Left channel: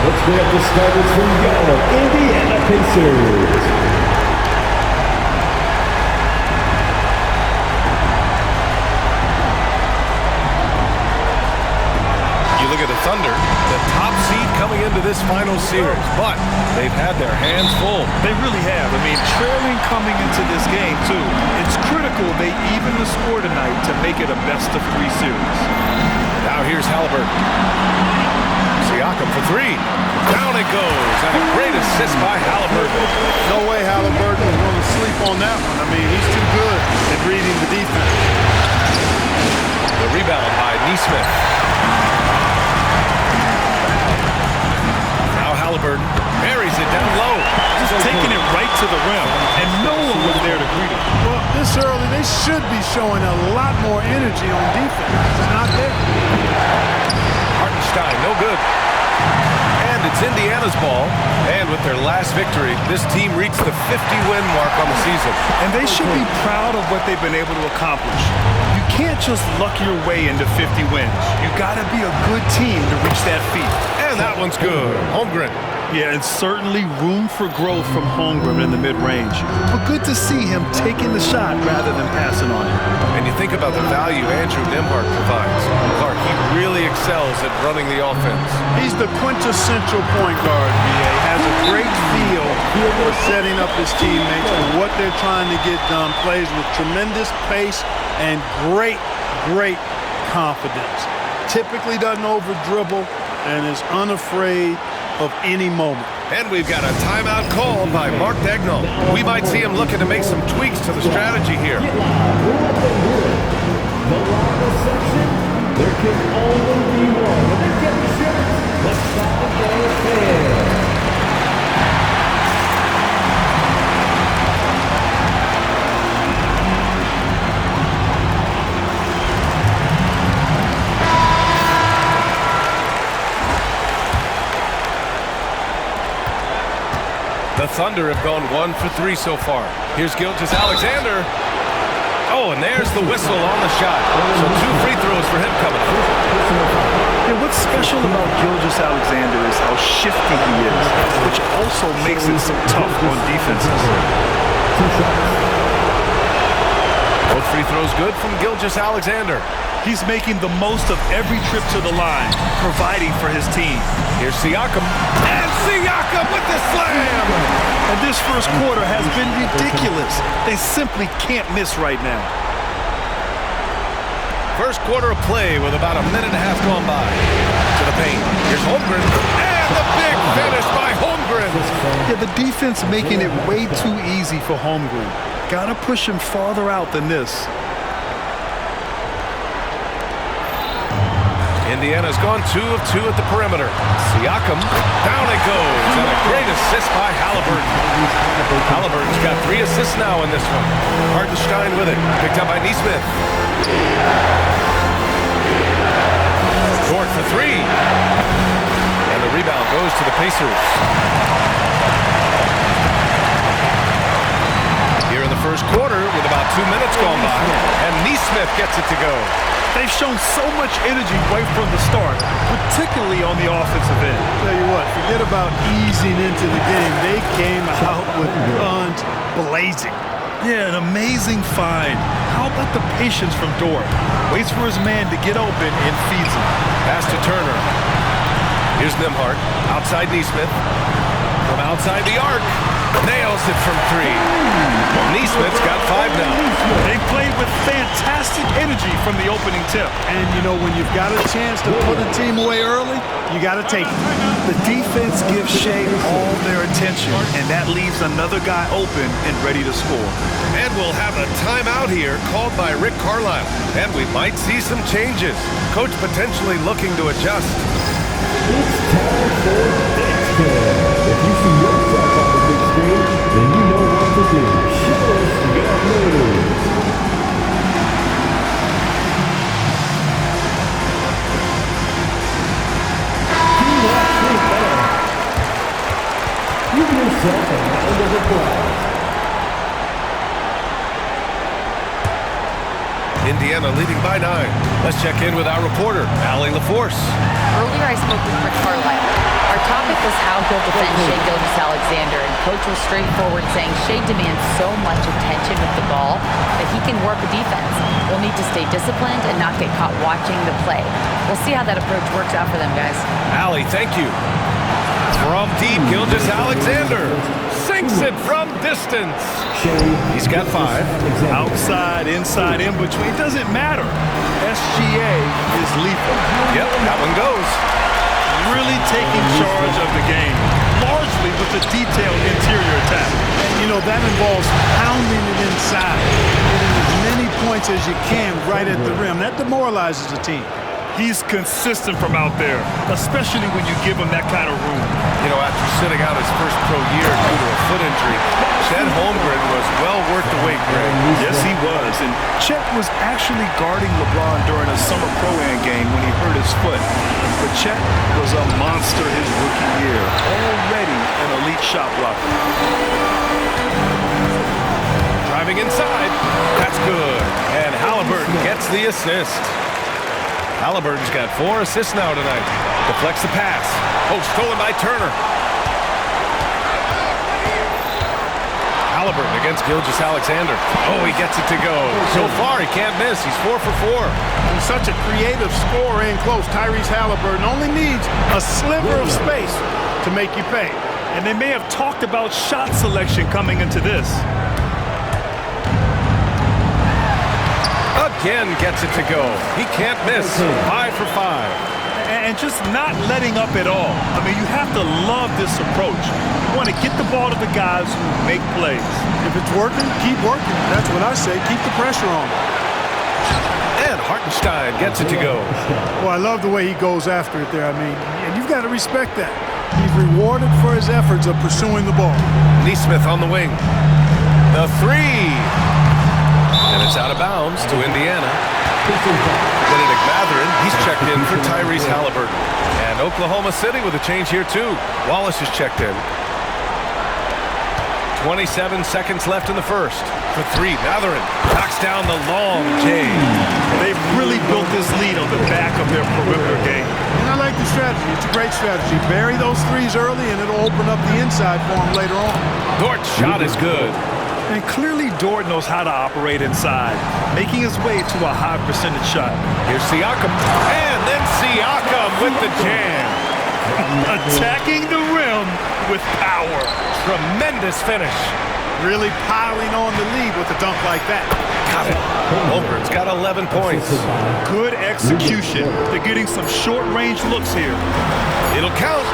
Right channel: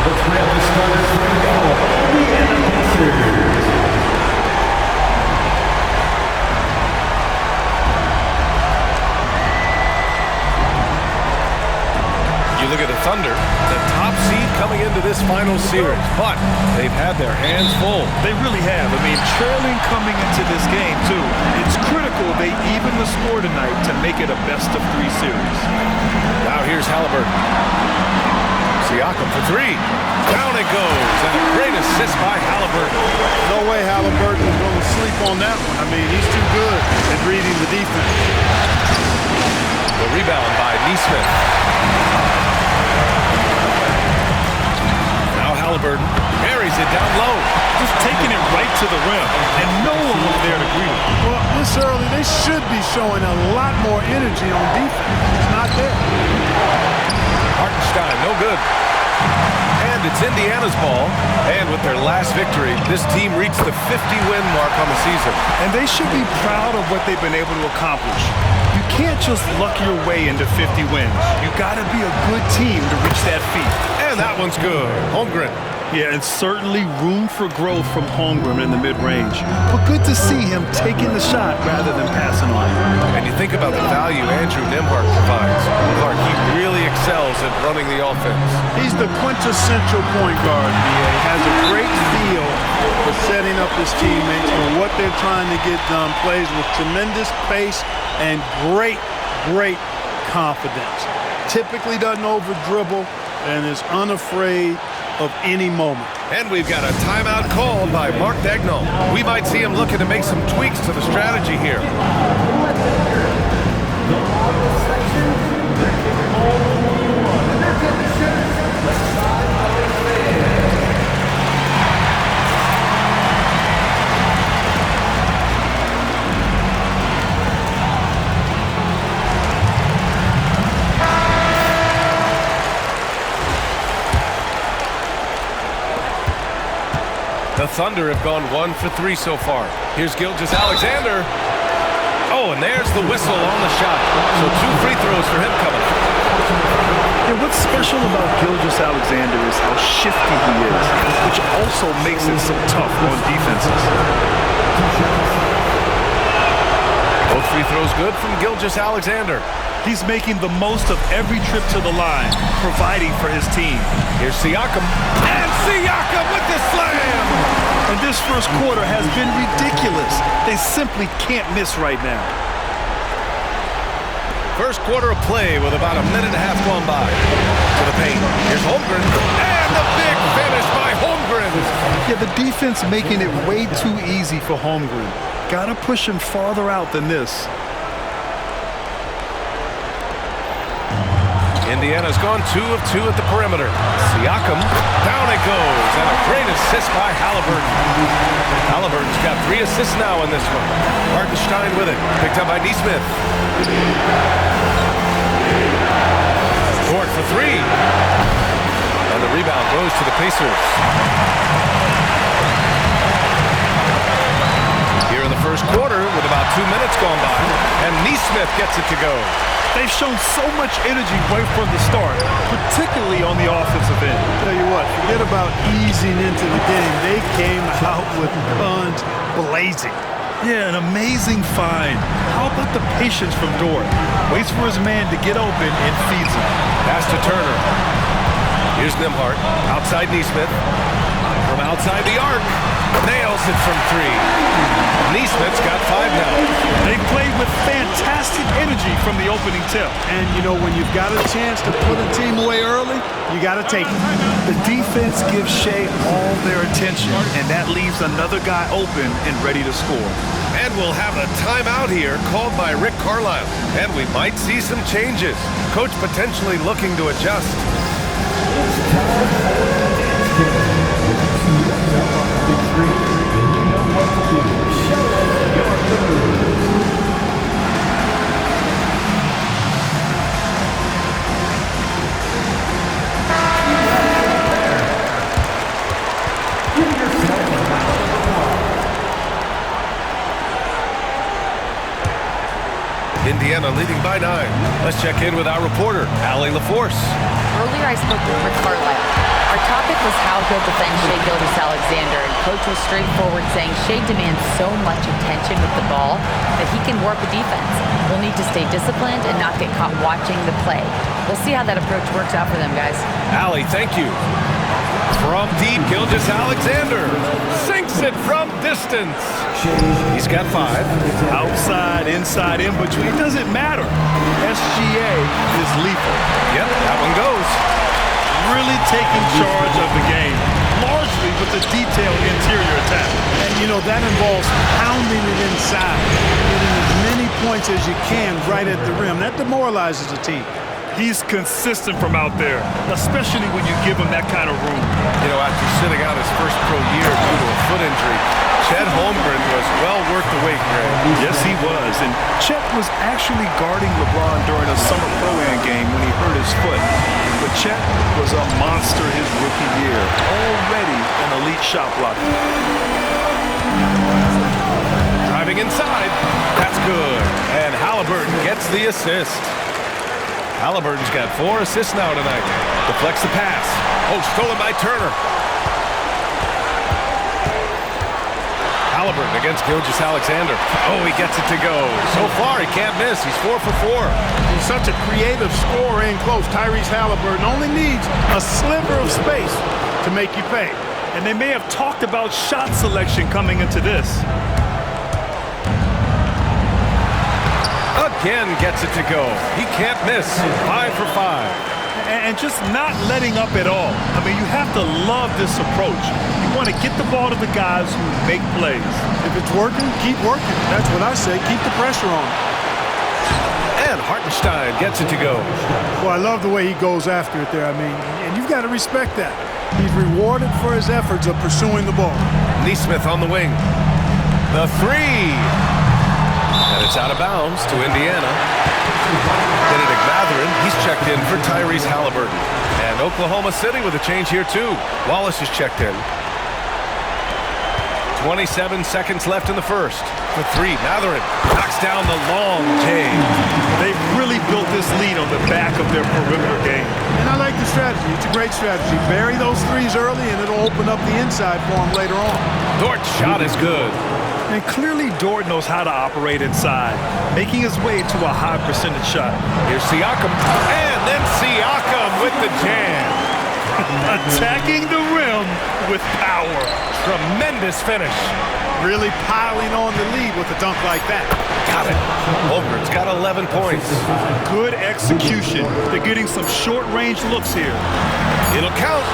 Let's grab the starters for your Indiana Pacers. You look at the Thunder, the top seed coming into this final series, but they've had their hands full. They really have. I mean, trailing coming into this game, too. It's critical they even the score tonight to make it a best-of-3 series. Now here's Halliburton. Siakam for three. Down it goes, and a great assist by Halliburton. No way Halliburton is going to sleep on that one. I mean, he's too good at reading the defense. The rebound by Nesmith. Now Halliburton buries it down low. Just taking it right to the rim, and no one was there to greet him. Well, this early, they should be showing a lot more energy on defense. It's not there. Hartenstein, no good. And it's Indiana's ball. And with their last victory, this team reached the 50-win mark on the season. And they should be proud of what they've been able to accomplish. You can't just luck your way into 50 wins. You got to be a good team to reach that feat. And that one's good. Holmgren. Yeah, and certainly room for growth from Holmgren in the mid-range. But good to see him taking the shot rather than passing on it. And you think about the value Andrew Nembhard provides. Clark, he really excels at running the offense. He's the quintessential point guard, B.A. Has a great feel for setting up his teammates for what they're trying to get done. Plays with tremendous pace and great confidence. Typically doesn't over-dribble and is unafraid of any moment. And we've got a timeout called by Mark Daigneault. We might see him looking to make some tweaks to the strategy here. The lobby section, there can only be one. And they're getting shirts. Let's side our fans. The Thunder have gone 1 for 3 so far. Here's Gilgeous-Alexander. Oh, and there's the whistle on the shot. So 2 free throws for him coming up. Yeah, what's special about Gilgeous-Alexander is how shifty he is, which also makes it so tough on defenses. Both free throws good from Gilgeous-Alexander. He's making the most of every trip to the line, providing for his team. Here's Siakam. And Siakam with the slam! And this first quarter has been ridiculous. They simply can't miss right now. First quarter of play with about a minute and a half gone by. To the paint. Here's Holmgren. And the big finish by Holmgren. Yeah, the defense making it way too easy for Holmgren. Gotta push him farther out than this. Indiana's gone 2 of 2 at the perimeter. Siakam, down it goes, and a great assist by Halliburton. Halliburton's got 3 assists now in this one. Hartenstein with it, picked up by Nesmith. Dort for 3. And the rebound goes to the Pacers. Here in the first quarter, with about 2 minutes gone by, and Nesmith gets it to go. They've shown so much energy right from the start, particularly on the offensive end. Tell you what, forget about easing into the game. They came out with guns blazing. Yeah, an amazing find. How about the patience from Dort? Waits for his man to get open and feeds him. Pass to Turner. Here's Nembhard, outside Nesmith. From outside the arc, nails it from 3. Nesmith's got 5 now. They've played with fantastic energy from the opening tip. And, you know, when you've got a chance to put a team away early, you got to take it. The defense gives Shea all their attention, and that leaves another guy open and ready to score. And we'll have a timeout here called by Rick Carlisle. And we might see some changes. Coach potentially looking to adjust. It's time for Dance Kid. If you see yourself on the big screen, then you know what to do. Show us your moves. Give yourself a round of applause. Indiana leading by 9. Let's check in with our reporter, Allie LaForce. Earlier I spoke with Rick Carlisle. Our topic was how he'll defend Shai Gilgeous-Alexander, and Coach was straightforward, saying Shai demands so much attention with the ball that he can warp a defense. We'll need to stay disciplined and not get caught watching the play. We'll see how that approach works out for them, guys. Allie, thank you. From deep, Gilgeous-Alexander sinks it from distance. He's got 5. Outside, inside, in between, it doesn't matter. SGA is lethal. Yep, that one goes. Really taking charge of the game, largely with the detailed interior attack. And, you know, that involves pounding it inside, getting as many points as you can right at the rim. That demoralizes a team. He's consistent from out there, especially when you give him that kind of room. You know, after sitting out his first pro year due to a foot injury, Chet Holmgren was well worth the wait, Greg. Yes, he was. And Chet was actually guarding LeBron during a summer Pro-Am game when he hurt his foot. But Chet was a monster his rookie year, already an elite shot blocker. Driving inside, that's good. And Halliburton gets the assist. Halliburton's got 4 assists now tonight. Deflects the pass. Oh, stolen by Turner. Halliburton against Gilgeous-Alexander. Oh, he gets it to go. So far, he can't miss. He's 4 for 4. He's such a creative scorer in close. Tyrese Halliburton only needs a sliver of space to make you pay. And they may have talked about shot selection coming into this. Again gets it to go. He can't miss. 5 for 5. And just not letting up at all. I mean, you have to love this approach. You want to get the ball to the guys who make plays. If it's working, keep working. That's what I say. Keep the pressure on. And Hartenstein gets it to go. Well, I love the way he goes after it there. I mean, and you've got to respect that. He's rewarded for his efforts of pursuing the ball. Nesmith on the wing. The 3. And it's out of bounds to Indiana. Benedict Mathurin, he's checked in for Tyrese Halliburton. And Oklahoma City with a change here too. Wallace is checked in. 27 seconds left in the first. For 3, Mathurin knocks down the long J. They've really built this lead on the back of their perimeter game. And I like the strategy. It's a great strategy. Bury those 3s early and it'll open up the inside for him later on. Dort's shot is good. And clearly Dort knows how to operate inside, making his way to a high percentage shot. Here's Siakam, and then Siakam with the jam. Attacking the rim with power. Tremendous finish. Really piling on the lead with a dunk like that. Got it. Holmgren's got 11 points. Good execution. They're getting some short-range looks here. It'll count.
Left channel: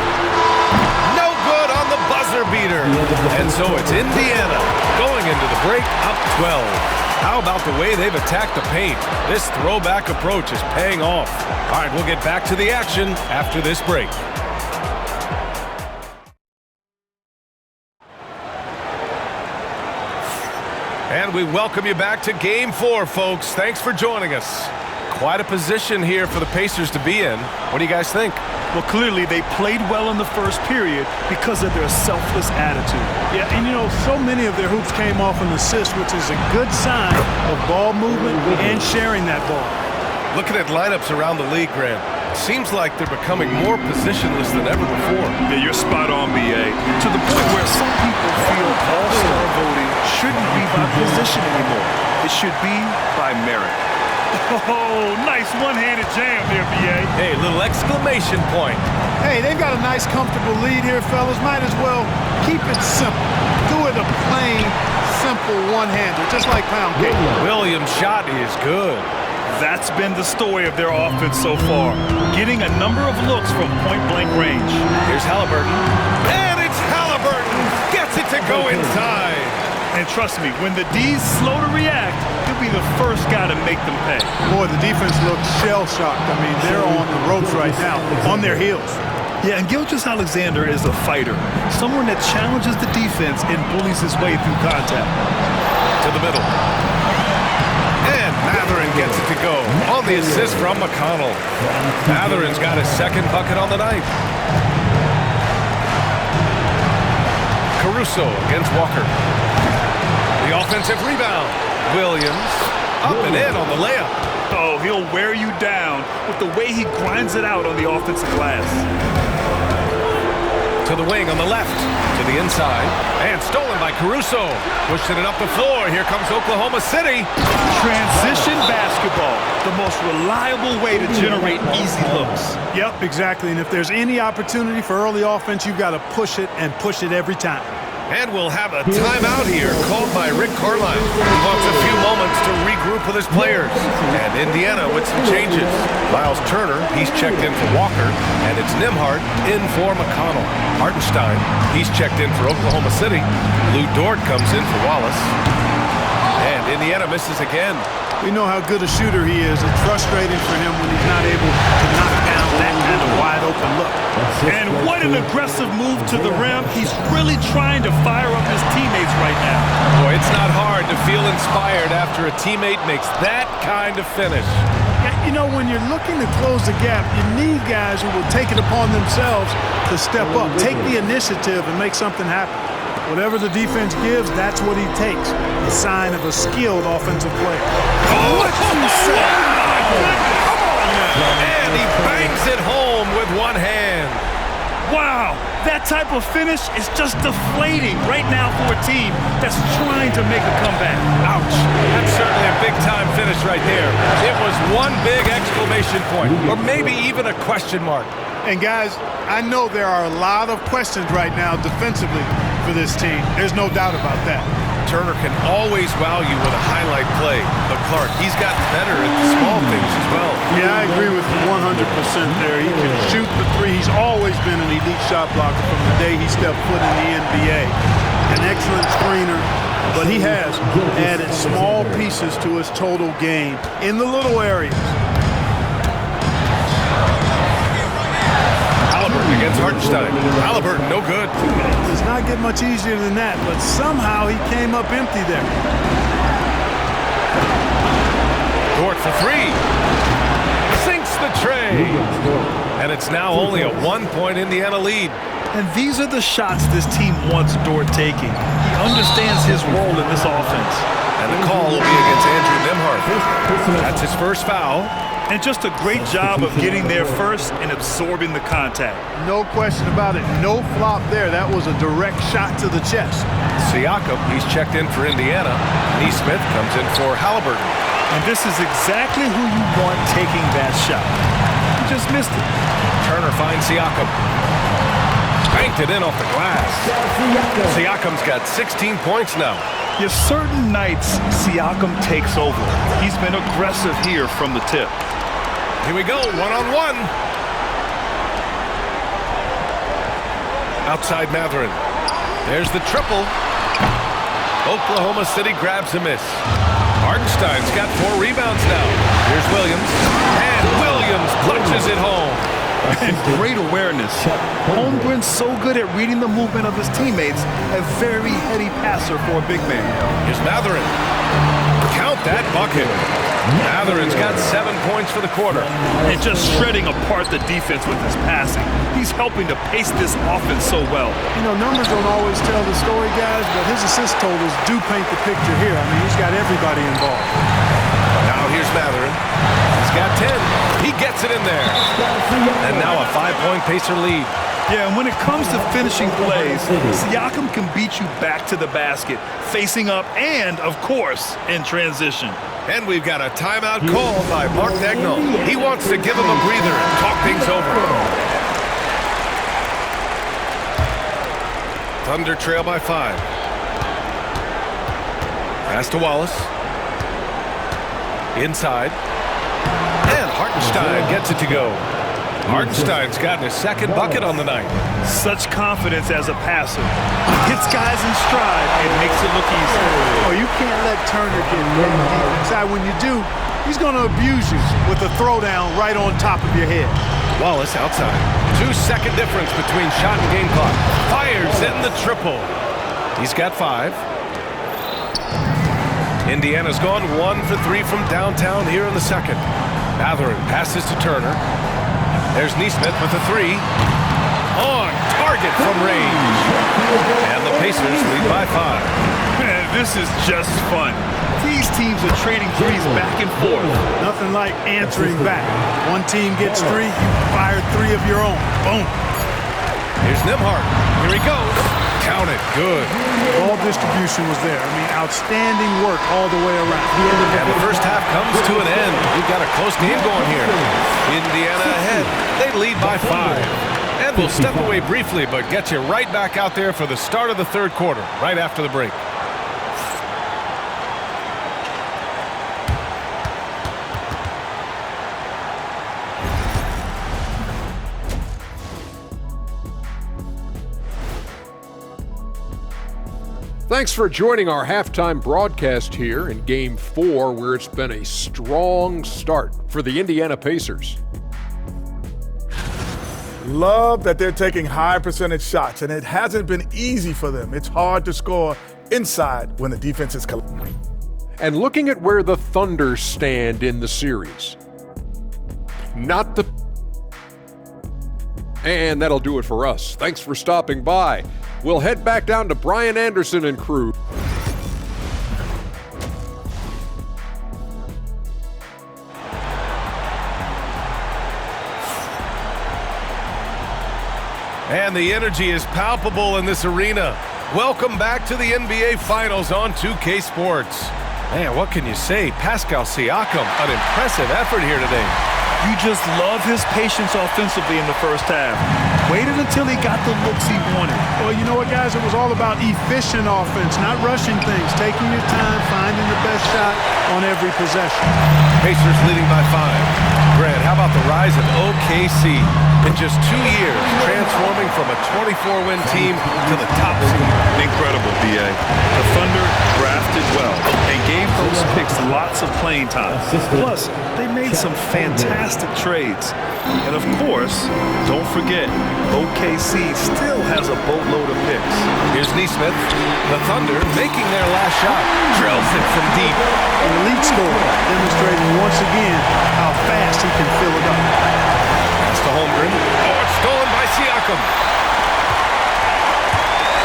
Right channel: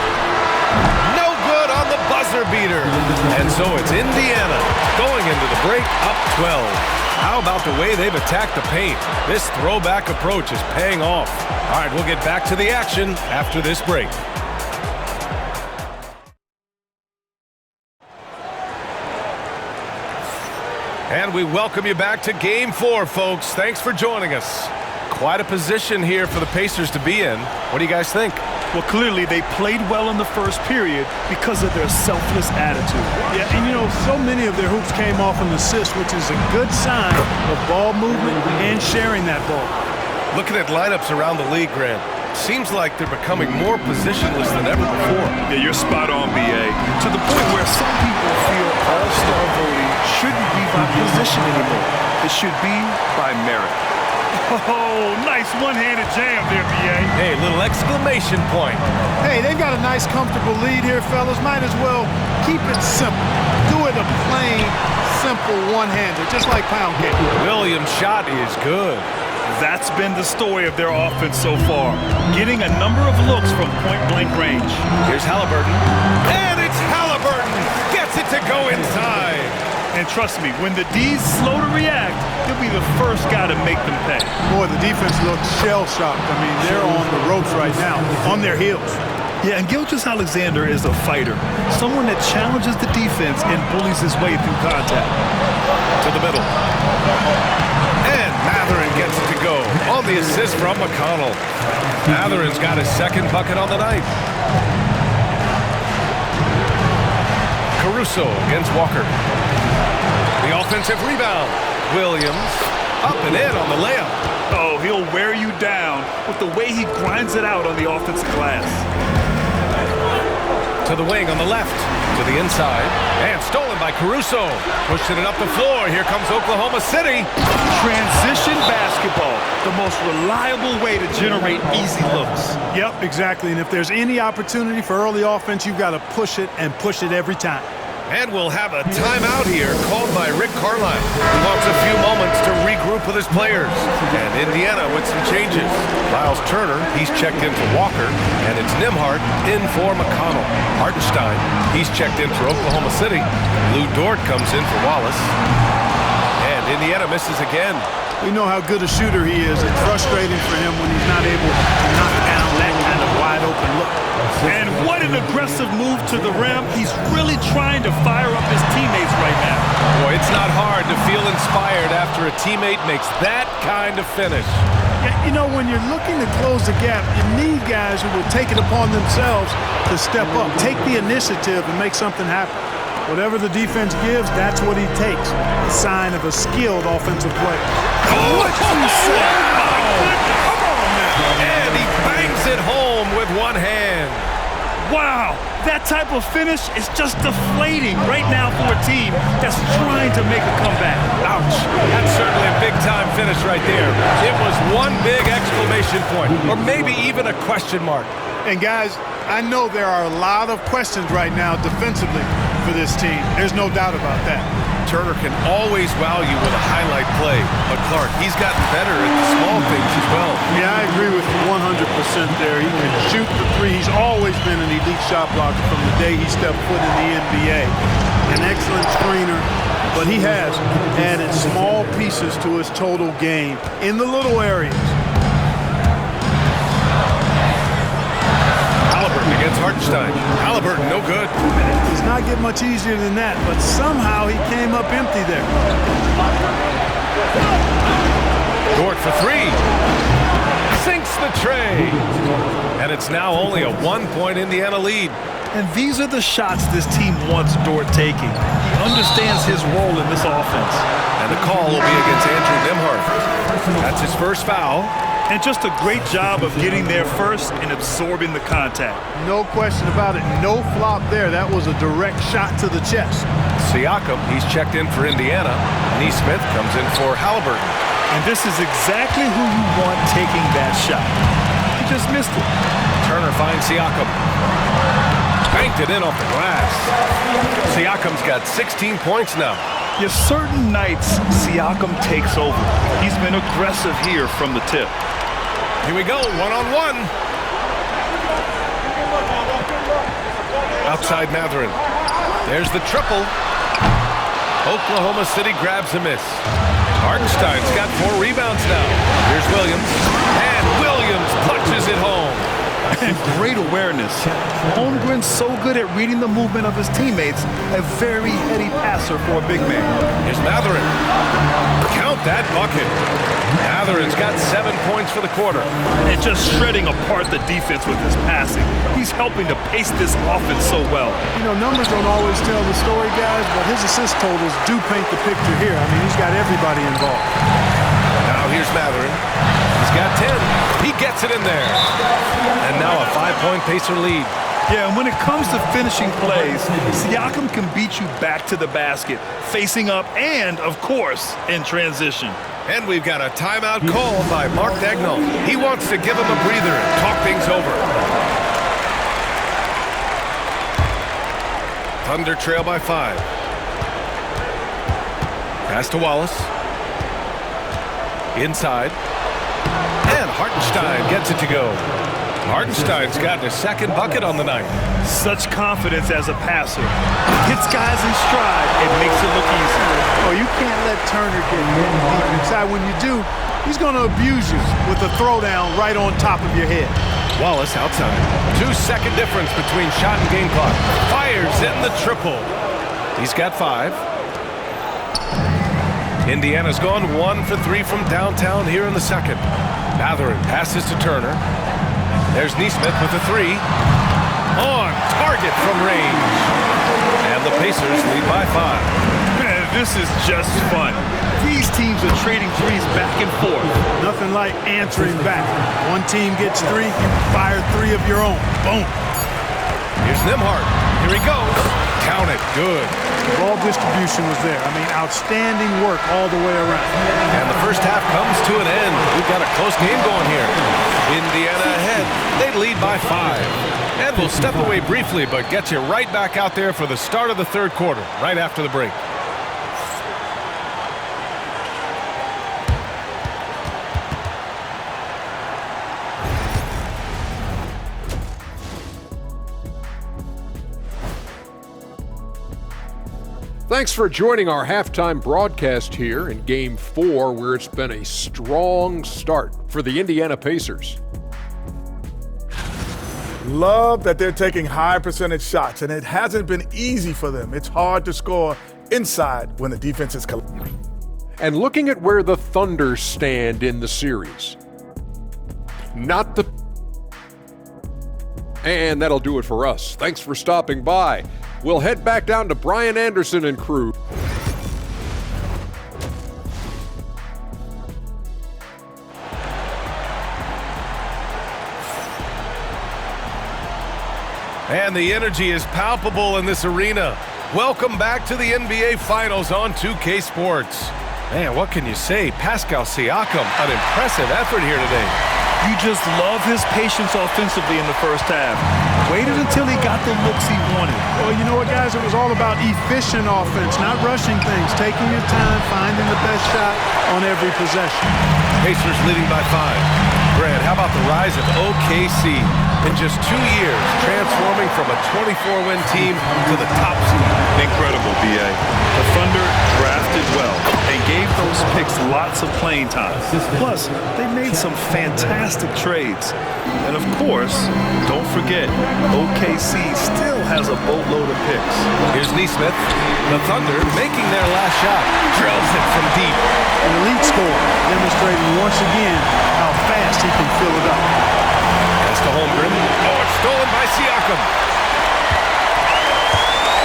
No good on the buzzer beater. And so it's Indiana going into the break up 12. How about the way they've attacked the paint? This throwback approach is paying off. All right, we'll get back to the action after this break. And we welcome you back to Game 4, folks. Thanks for joining us. Quite a position here for the Pacers to be in. What do you guys think? Well, clearly they played well in the first period because of their selfless attitude. Yeah, and you know, so many of their hoops came off an assist, which is a good sign of ball movement and sharing that ball. Looking at lineups around the league, Grant, seems like they're becoming more positionless than ever before. Yeah, you're spot on, B.A. To the point where some people feel all-star voting shouldn't be by position anymore. It should be by merit. Oh, nice one-handed jam there, B.A. Hey, little exclamation point. Hey, they've got a nice, comfortable lead here, fellas. Might as well keep it simple. Do it a plain, simple one-hander, just like pound cake. Williams' shot is good. That's been the story of their offense so far, getting a number of looks from point-blank range. Here's Halliburton, and it's Halliburton! Gets it to go inside! And trust me, when the D's slow to react, he'll be the first guy to make them pay. Boy, the defense looks shell-shocked. I mean, they're on the ropes right now, on their heels. Yeah, and Gilgeous-Alexander is a fighter, someone that challenges the defense and bullies his way through contact. To the middle. And Mathurin gets it to go on the assist from McConnell. Mathurin's got his second bucket on the night. Caruso against Walker. The offensive rebound. Williams up and in on the layup. Oh, he'll wear you down with the way he grinds it out on the offensive glass. To the wing on the left. To the inside. And stolen by Caruso. Pushing it up the floor. Here comes Oklahoma City. Transition basketball, the most reliable way to generate easy looks. Yep, exactly. And if there's any opportunity for early offense, you've got to push it and push it every time. And we'll have a timeout here called by Rick Carlisle. He wants a few moments to regroup with his players. And Indiana with some changes. Miles Turner, he's checked in for Walker. And it's Nembhard in for McConnell. Hartenstein, he's checked in for Oklahoma City. Lou Dort comes in for Wallace. And Indiana misses again. We know how good a shooter he is. It's frustrating for him when he's not able to knock down that kind of wide open look. And what an aggressive move to the rim. He's really trying to fire up his teammates right now. Boy, it's not hard to feel inspired after a teammate makes that kind of finish. Yeah, you know, when you're looking to close the gap, you need guys who will take it upon themselves to step up, take the initiative and make something happen. Whatever the defense gives, that's what he takes. A sign of a skilled offensive player. What you say? Oh, my goodness. Come on now. And he bangs it home with one hand. Wow, that type of finish is just deflating right now for a team that's trying to make a comeback. Ouch. That's certainly a big-time finish right there. It was one big exclamation point, or maybe even a question mark. And guys, I know there are a lot of questions right now defensively for this team. There's no doubt about that. Turner can always wow you with a highlight play, but Clark, he's gotten better at the small things as well. Yeah, I agree with you 100% there. He can shoot the three. He's always been an elite shot blocker from the day he stepped foot in the NBA. An excellent screener, but he has added small pieces to his total game in the little areas. Halliburton against Hartenstein. Halliburton, no good. It's not get much easier than that, but somehow he came up empty there. Dort for three. Sinks the tray. And it's now only a 1-point Indiana lead. And these are the shots this team wants Dort taking. He understands his role in this offense. And the call will be against Andrew Nembhard. That's his first foul. And just a great job of getting there first and absorbing the contact. No question about it. No flop there. That was a direct shot to the chest. Siakam, he's checked in for Indiana. Nesmith comes in for Halliburton. And this is exactly who you want taking that shot. He just missed it. Turner finds Siakam. Banked it in off the glass. Siakam's got 16 points now. Yes, certain nights, Siakam takes over. He's been aggressive here from the tip. Here we go, one-on-one. Outside Mathurin. There's the triple. Oklahoma City grabs a miss. Hartenstein's got 4 rebounds now. Here's Williams. And Williams punches it home. And great awareness. Holmgren's so good at reading the movement of his teammates, a very heady passer for a big man. Here's Mathurin. Count that bucket. Mathurin's got 7 points for the quarter. And just shredding apart the defense with his passing. He's helping to pace this offense so well. You know, numbers don't always tell the story, guys, but his assist totals do paint the picture here. I mean, he's got everybody involved. Now here's Mathurin. He's got 10. He gets it in there. And now a 5-point Pacer lead. Yeah, and when it comes to finishing plays, Siakam can beat you back to the basket, facing up and, of course, in transition. And we've got a timeout called by Mark Daigneault. He wants to give him a breather and talk things over. Thunder trail by 5. Pass to Wallace. Inside. And Hartenstein gets it to go. Hartenstein's gotten his second bucket on the night. Such confidence as a passer. Hits guys in stride and makes it look easy. Oh, you can't let Turner get that deep inside. When you do, he's going to abuse you with a throwdown right on top of your head. Wallace outside. 2-second difference between shot and game clock. Fires in the triple. He's got 5. Indiana's gone 1 for 3 from downtown here in the second. Mathurin passes to Turner. There's Nesmith with a 3. On target from range. And the Pacers lead by 5. Man, this is just fun. These teams are trading threes back and forth. Nothing like answering back. One team gets 3, you fire 3 of your own. Boom. Here's Nembhard. Here he goes. Count it. Good. Ball distribution was there. I mean, outstanding work all the way around. And the first half comes to an end. We've got a close game going here. Indiana ahead. They lead by 5. And we'll step away briefly, but get you right back out there for the start of the third quarter, right after the break. Thanks for joining our halftime broadcast here in Game 4, where it's been a strong start for the Indiana Pacers. Love that they're taking high percentage shots, and it hasn't been easy for them. It's hard to score inside when the defense is collapsing. And looking at where the Thunder stand in the series. And that'll do it for us. Thanks for stopping by. We'll head back down to Brian Anderson and crew. And the energy is palpable in this arena. Welcome back to the NBA Finals on 2K Sports. Man, what can you say? Pascal Siakam, an impressive effort here today. You just love his patience offensively in the first half. Waited until he got the looks he wanted. Well, you know what, guys? It was all about efficient offense, not rushing things, taking your time, finding the best shot on every possession. Pacers leading by 5. Grant, how about the rise of OKC? In just 2 years, transforming from a 24-win team to the top seed. Incredible, B.A. The Thunder drafted well and gave those picks lots of playing time. Plus, they made some fantastic trades. And of course, don't forget, OKC still has a boatload of picks. Here's Nesmith. The Thunder making their last shot. Drills it from deep. An elite scorer, demonstrating once again how fast he can fill it up. Pass to Holmgren. Oh, it's stolen by Siakam.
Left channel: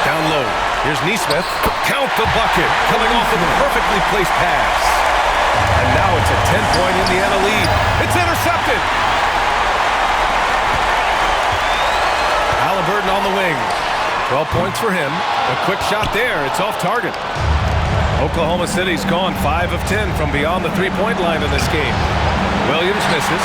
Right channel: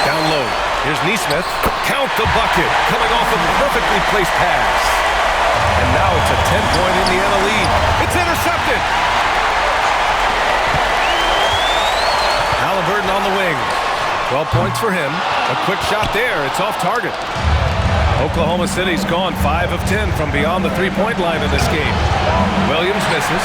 Down low. Here's Nesmith. Count the bucket. Coming off a perfectly placed pass. And now it's a 10-point Indiana lead. It's intercepted. Haliburton on the wing. 12 points for him. A quick shot there. It's off target. Oklahoma City's gone 5 of 10 from beyond the three-point line in this game. Williams misses.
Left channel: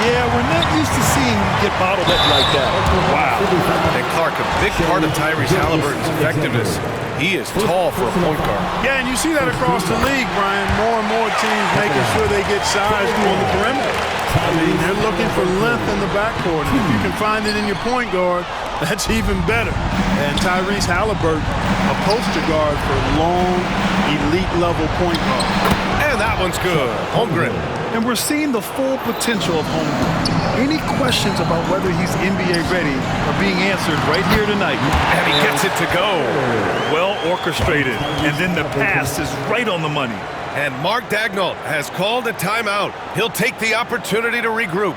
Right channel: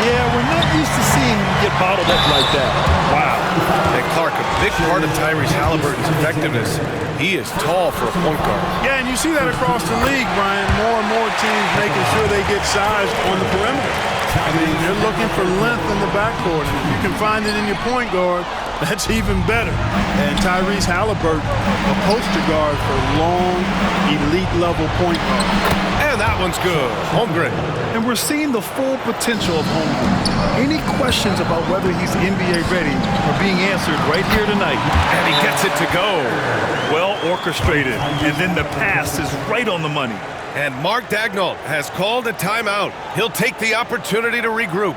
Yeah, we're not used to seeing him get bottled up like that. Wow. And Clark, a big part of Tyrese Haliburton's effectiveness. He is tall for a point guard. Yeah, and you see that across the league, Brian. More and more teams making sure they get sized on the perimeter. I mean, they're looking for length in the backcourt, and if you can find it in your point guard, that's even better. And Tyrese Haliburton, a poster guard for long, elite-level point guard. And that one's good. Holmgren. And we're seeing the full potential of Holmgren. Any questions about whether he's NBA ready are being answered right here tonight. And he gets it to go. Well orchestrated. And then the pass is right on the money. And Mark Daigneault has called a timeout. He'll take the opportunity to regroup.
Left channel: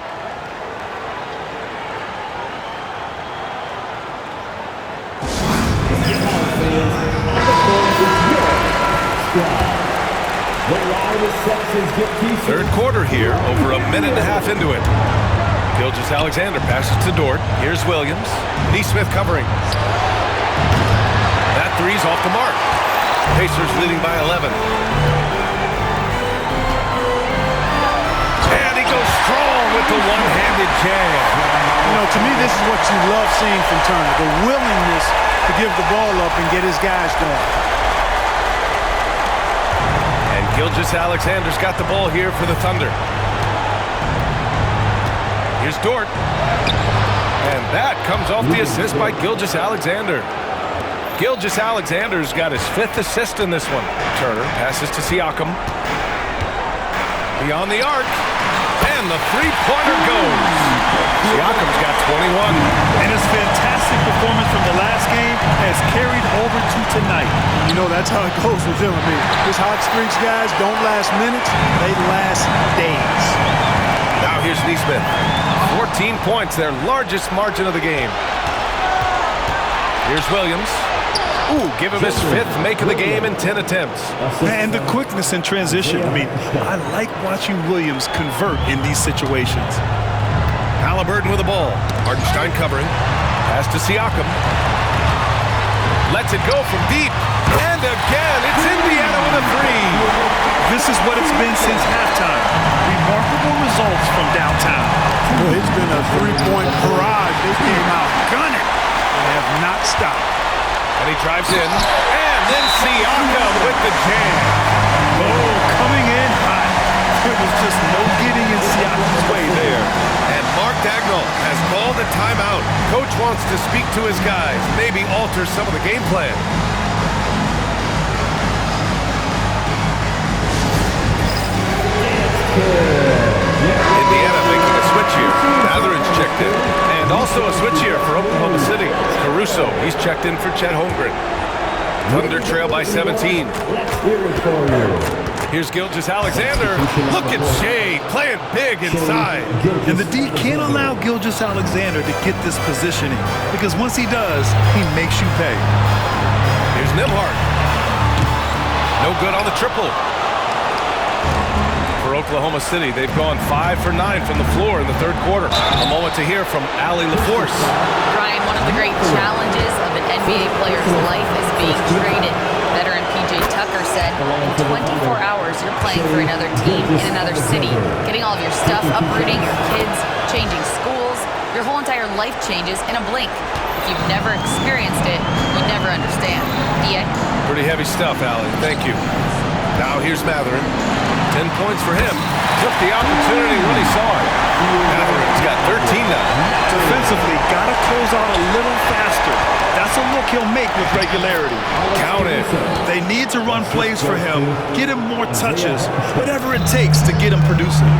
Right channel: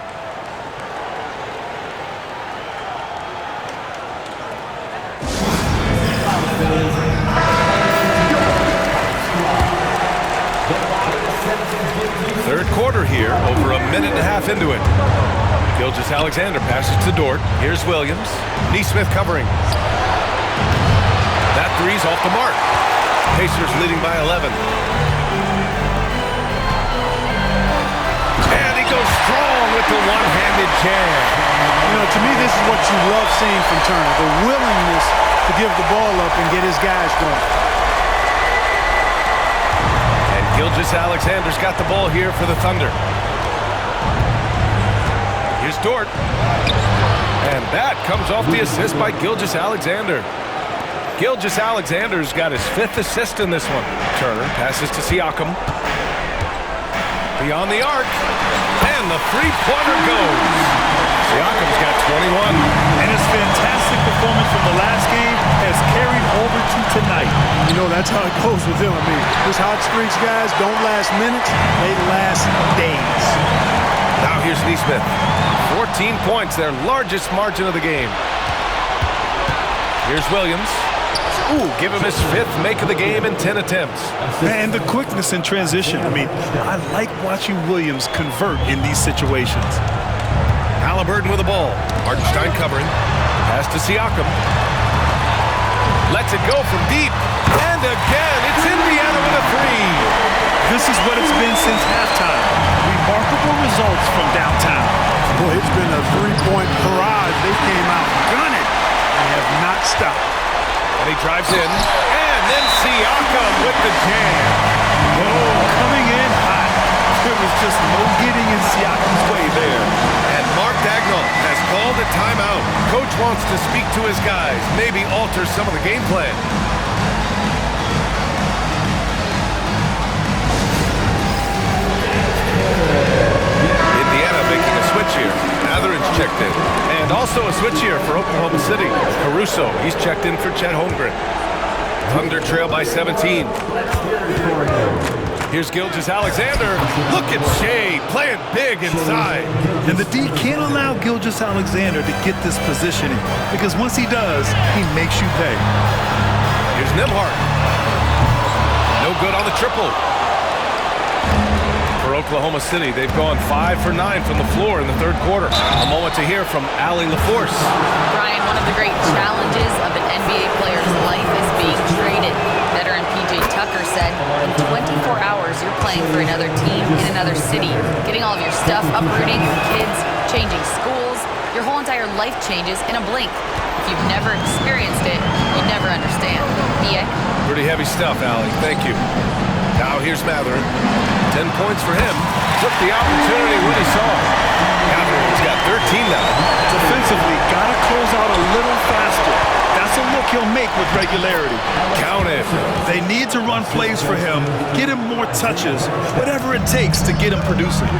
Third quarter here, over a minute and a half into it. Gilgeous-Alexander passes to Dort. Here's Williams. Nesmith covering. That three's off the mark. Pacers leading by 11. And he goes strong with the one-handed jam. You know, to me, this is what you love seeing from Turner, the willingness to give the ball up and get his guys going. And Gilgeous-Alexander's got the ball here for the Thunder. Here's Dort. And that comes off the assist by Gilgeous-Alexander. Gilgeous-Alexander's got his 5th assist in this one. Turner passes to Siakam. Beyond the arc. And the three-pointer goes. Siakam's got 21. And his fantastic performance from the last game has carried over to tonight. And you know, that's how it goes with him. I mean, these hot streaks, guys, don't last minutes. They last days. Now here's Nesmith. 14 points, their largest margin of the game. Here's Williams. Ooh, give him his 5th make of the game in 10 attempts. And the quickness in transition. I mean, I like watching Williams convert in these situations. Haliburton with the ball. Hartenstein covering. Pass to Siakam. Lets it go from deep. And again, it's Indiana with a three. This is what it's been since halftime. Remarkable results from downtown. Boy, it's been a three-point barrage. They came out gunning and have not stopped. And he drives in. And then Siakam with the jam. Oh, coming in hot. There was just no getting in Siakam's way there. And Mark Daigneault has called a timeout. Coach wants to speak to his guys, maybe alter some of the game plan. Indiana making a switch here. Mathurin's checked in. And also a switch here for Oklahoma City. Caruso, he's checked in for Chet Holmgren. Thunder trail by 17. Here's Gilgeous-Alexander. Look at Shea playing big inside. And the D can't allow Gilgeous-Alexander to get this positioning, because once he does, he makes you pay. Here's Nembhard. No good on the triple. For Oklahoma City, they've gone 5 for 9 from the floor in the third quarter. A moment to hear from Allie LaForce. Brian, one of the great challenges of an NBA player's life is being traded. Veteran P.J. Tucker said, in 24 hours, you're playing for another team in another city, getting all of your stuff, uprooting your kids, changing schools. Your whole entire life changes in a blink. If you've never experienced it, you never understand. B.A.? Pretty heavy stuff, Allie. Thank you. Now here's Mathurin. 10 points for him. Took the opportunity when he saw it. Mathurin's got 13 now. Defensively, gotta close out a little faster. That's a look he'll make with regularity. Count it. They need to run plays for him, get him more touches, whatever it takes to get him producing.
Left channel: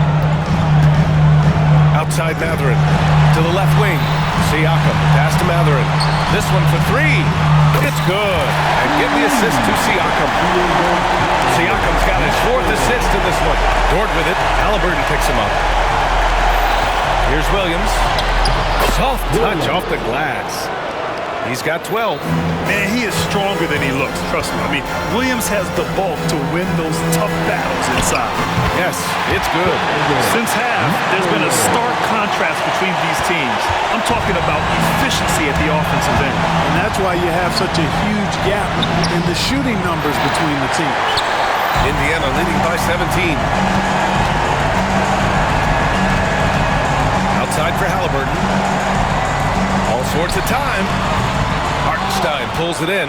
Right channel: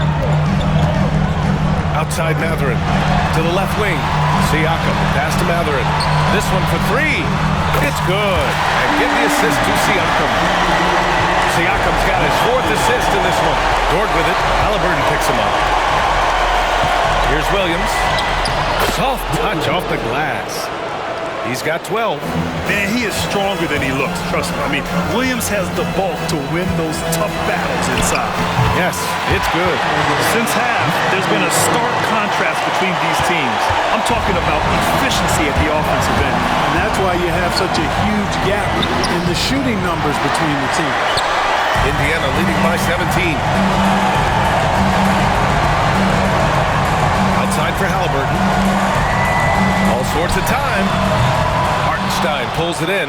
Outside Mathurin. To the left wing. Siakam. Pass to Mathurin. This one for three. It's good. And get the assist to Siakam. Siakam's got his 4th assist in this one. Dort with it. Halliburton picks him up. Here's Williams. Soft touch off the glass. He's got 12. Man, he is stronger than he looks, trust me. I mean, Williams has the bulk to win those tough battles inside. Yes, it's good. Since half, there's been a stark contrast between these teams. I'm talking about efficiency at the offensive end. And that's why you have such a huge gap in the shooting numbers between the teams. Indiana leading by 17. Outside for Halliburton. All sorts of time. Hartenstein pulls it in.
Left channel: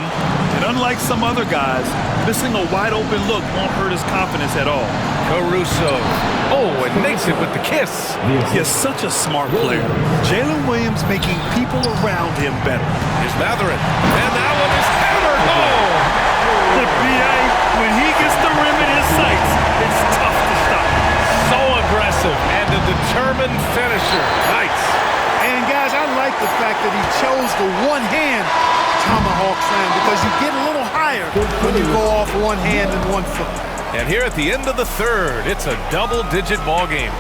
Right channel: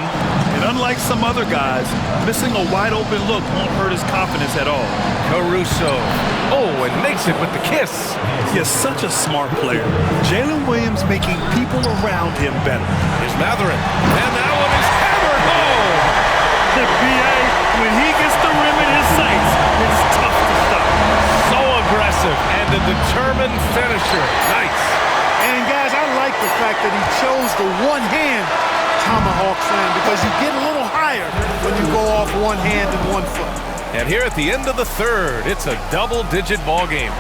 And unlike some other guys, missing a wide-open look won't hurt his confidence at all. Caruso. Oh, and makes it with the kiss. He's such a smart player. Jalen Williams making people around him better. Here's Mathurin. And that one is hammered home. The B.A., when he gets the rim in his sights, it's tough to stop. So aggressive and a determined finisher. Nice. And guys, I like the fact that he chose the one-hand tomahawk slam, because you get a little higher when you go off one hand and 1 foot. And here at the end of the third, it's a double-digit ball game.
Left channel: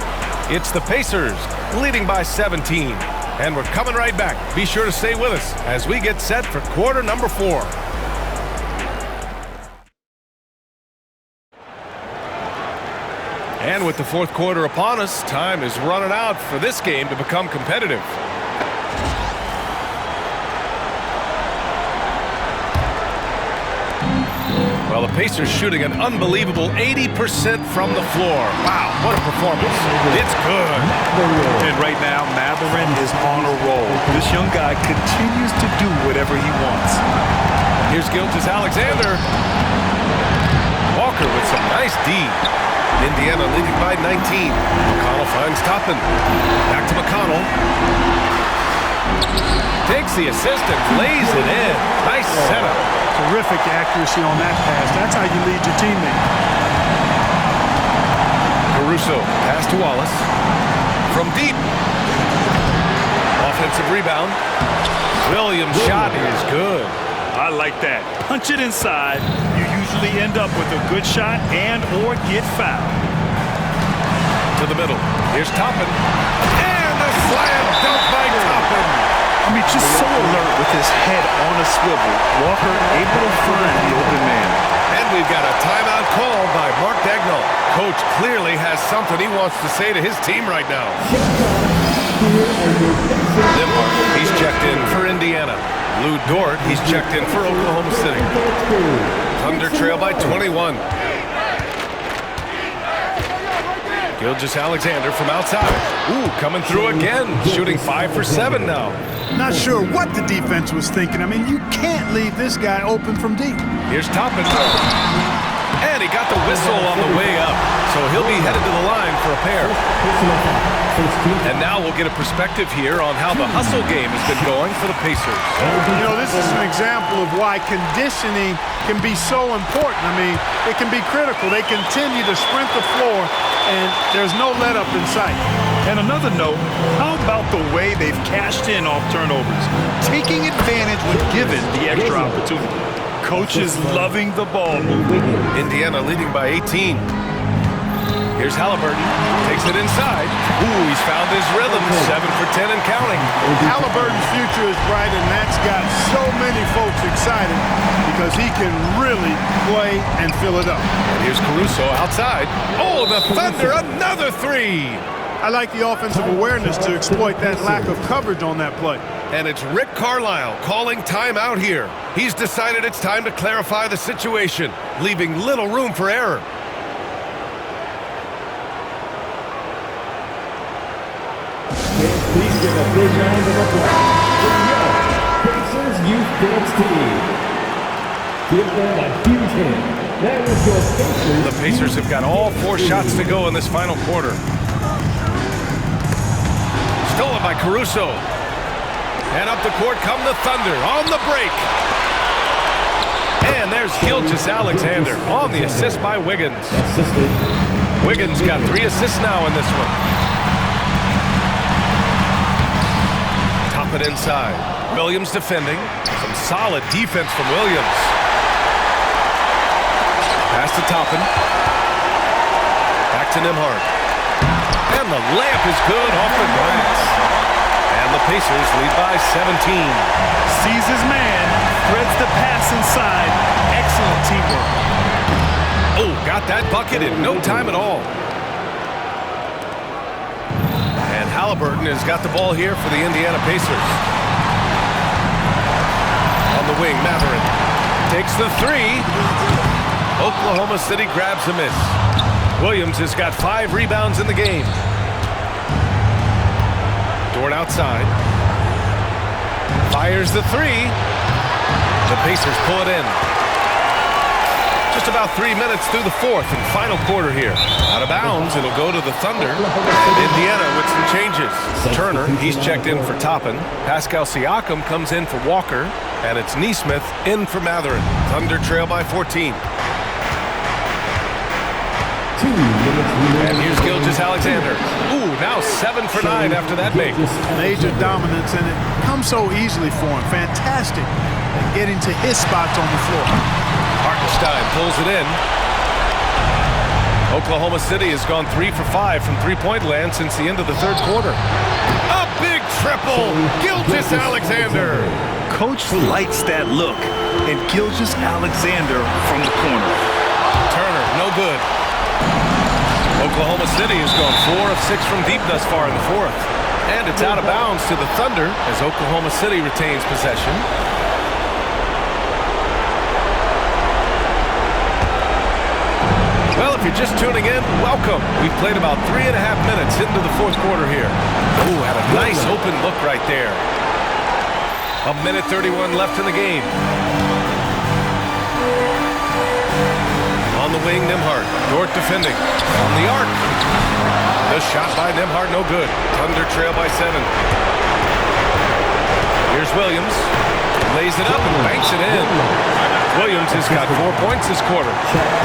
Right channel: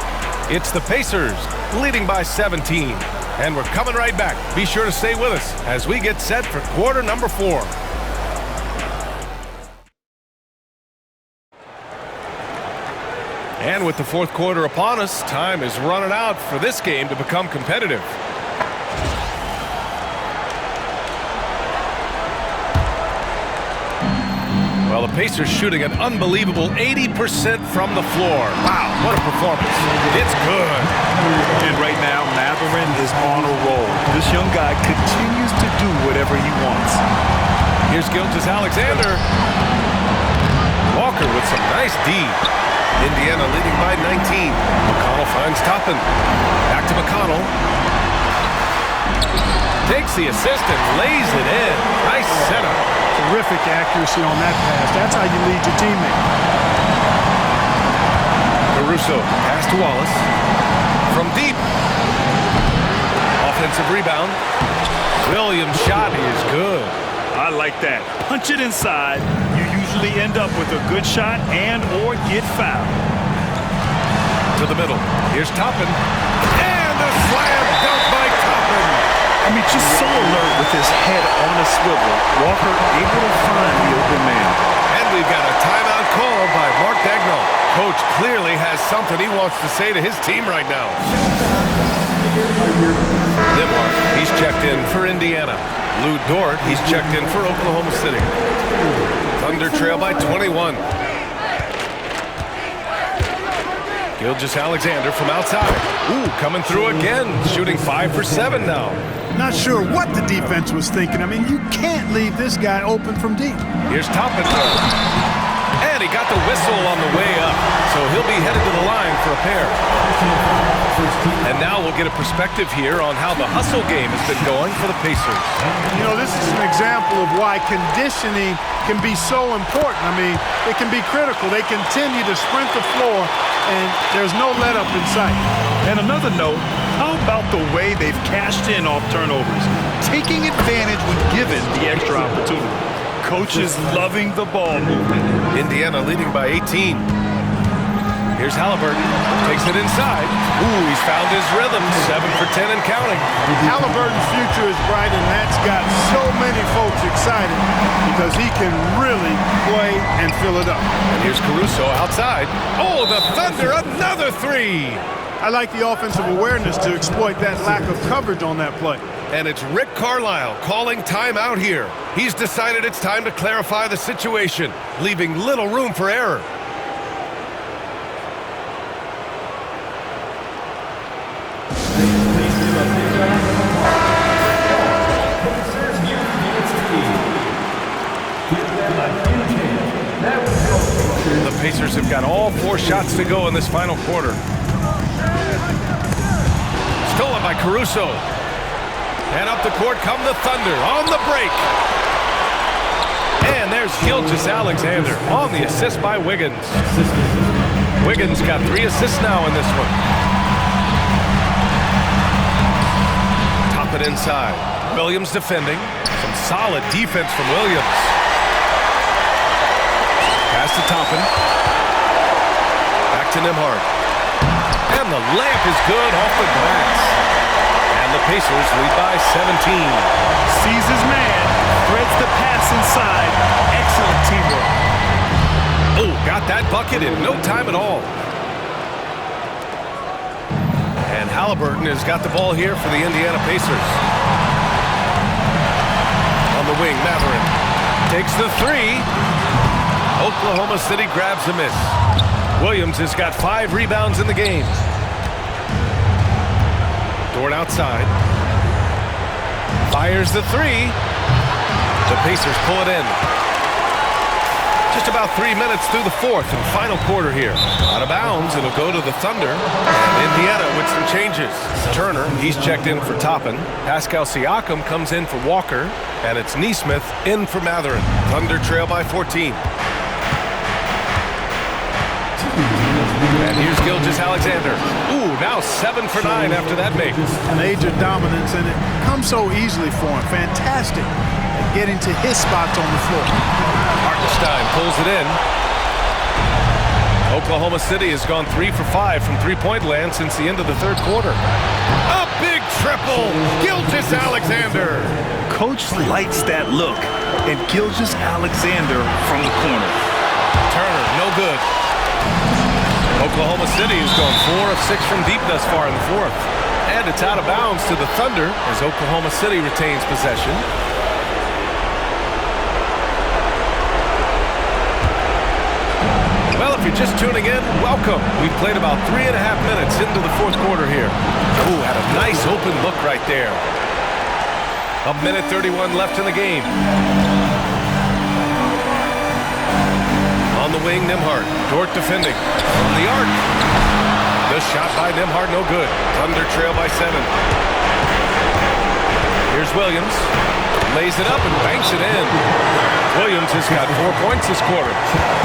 It's the Pacers leading by 17. And we're coming right back. Be sure to stay with us as we get set for quarter number 4. And with the fourth quarter upon us, time is running out for this game to become competitive. Well, the Pacers shooting an unbelievable 80% from the floor. Wow, what a performance. It's good. And right now, Mathurin is on a roll. This young guy continues to do whatever he wants. Here's Gilgeous-Alexander. Walker with some nice D. Indiana leading by 19. McConnell finds Toppin. Back to McConnell. Takes the assist and lays it in. Nice setup. Terrific accuracy on that pass. That's how you lead your teammate. Caruso, pass to Wallace. From deep. Offensive rebound. Williams' shot is good. I like that. Punch it inside. You usually end up with a good shot and or get fouled. To the middle. Here's Toppin. And a slam dunk by Toppin. I mean, just so alert with his head on a swivel. Walker able to find the open man. And we've got a timeout called by Mark Daigneault. Coach clearly has something he wants to say to his team right now. Nembhard, he's checked in for Indiana. Lou Dort, he's checked in for Oklahoma City. Thunder trail by 21. Gilgeous-Alexander from outside. Ooh, coming through again, shooting 5 for 7 now. Not sure what the defense was thinking. I mean, you can't leave this guy open from deep. Here's Toppin. And he got the whistle on the way up, so he'll be headed to the line for a pair. And now we'll get a perspective here on how the hustle game has been going for the Pacers. You know, this is an example of why conditioning can be so important. I mean, it can be critical. They continue to sprint the floor, and there's no let-up in sight. And another note, how about the way they've cashed in off turnovers, taking advantage when given the extra opportunity. Coaches loving the ball movement. Indiana leading by 18. Here's Halliburton, takes it inside. Ooh, he's found his rhythm, 7 for 10 and counting. Halliburton's future is bright, and that's got so many folks excited because he can really play and fill it up. And here's Caruso outside. Oh, the Thunder, another three. I like the offensive awareness to exploit that lack of coverage on that play. And it's Rick Carlisle calling timeout here. He's decided it's time to clarify the situation, leaving little room for error. Please give a big round of applause. Pacers Youth Dance Team. Give them a huge hand. That was your Pacers. The Pacers have got all 4 shots to go in this final quarter. Stolen by Caruso. And up the court come the Thunder on the break. And there's Gilgeous-Alexander on the assist by Wiggins. Wiggins got 3 assists now in this one. Top it inside. Williams defending. Some solid defense from Williams. Pass to Toppin. Back to Nembhard. And the layup is good off the glass. And the Pacers lead by 17. Sees his man, threads the pass inside. Excellent teamwork. Oh, got that bucket in no time at all. And Halliburton has got the ball here for the Indiana Pacers. On the wing, Mathurin takes the 3. Oklahoma City grabs a miss. Williams has got 5 rebounds in the game. Dort outside. Fires the 3. The Pacers pull it in. Just about 3 minutes through the 4th and final quarter here. Out of bounds, it'll go to the Thunder. And Indiana with some changes. Turner, he's checked in for Toppin. Pascal Siakam comes in for Walker. And it's Nesmith in for Mathurin. Thunder trail by 14. And here's Gilgeous-Alexander. Ooh, now 7 for 9 after that make. Major dominance, and it comes so easily for him. Fantastic at getting to his spots on the floor. Hartenstein pulls it in. Oklahoma City has gone 3 for 5 from three-point land since the end of the 3rd quarter. A big triple, Gilgeous-Alexander. Coach likes that look, and Gilgeous-Alexander from the corner. Turner, no good. Oklahoma City has gone 4 of 6 from deep thus far in the 4th. And it's out of bounds to the Thunder as Oklahoma City retains possession. Well, if you're just tuning in, welcome. We've played about 3.5 minutes into the 4th quarter here. Ooh, had a nice open look right there. 1:31 left in the game. On the wing, Nembhard. Dort defending. On the arc. The shot by Nembhard, no good. Thunder trail by 7. Here's Williams. Lays it up and banks it in. Williams has got 4 points this quarter.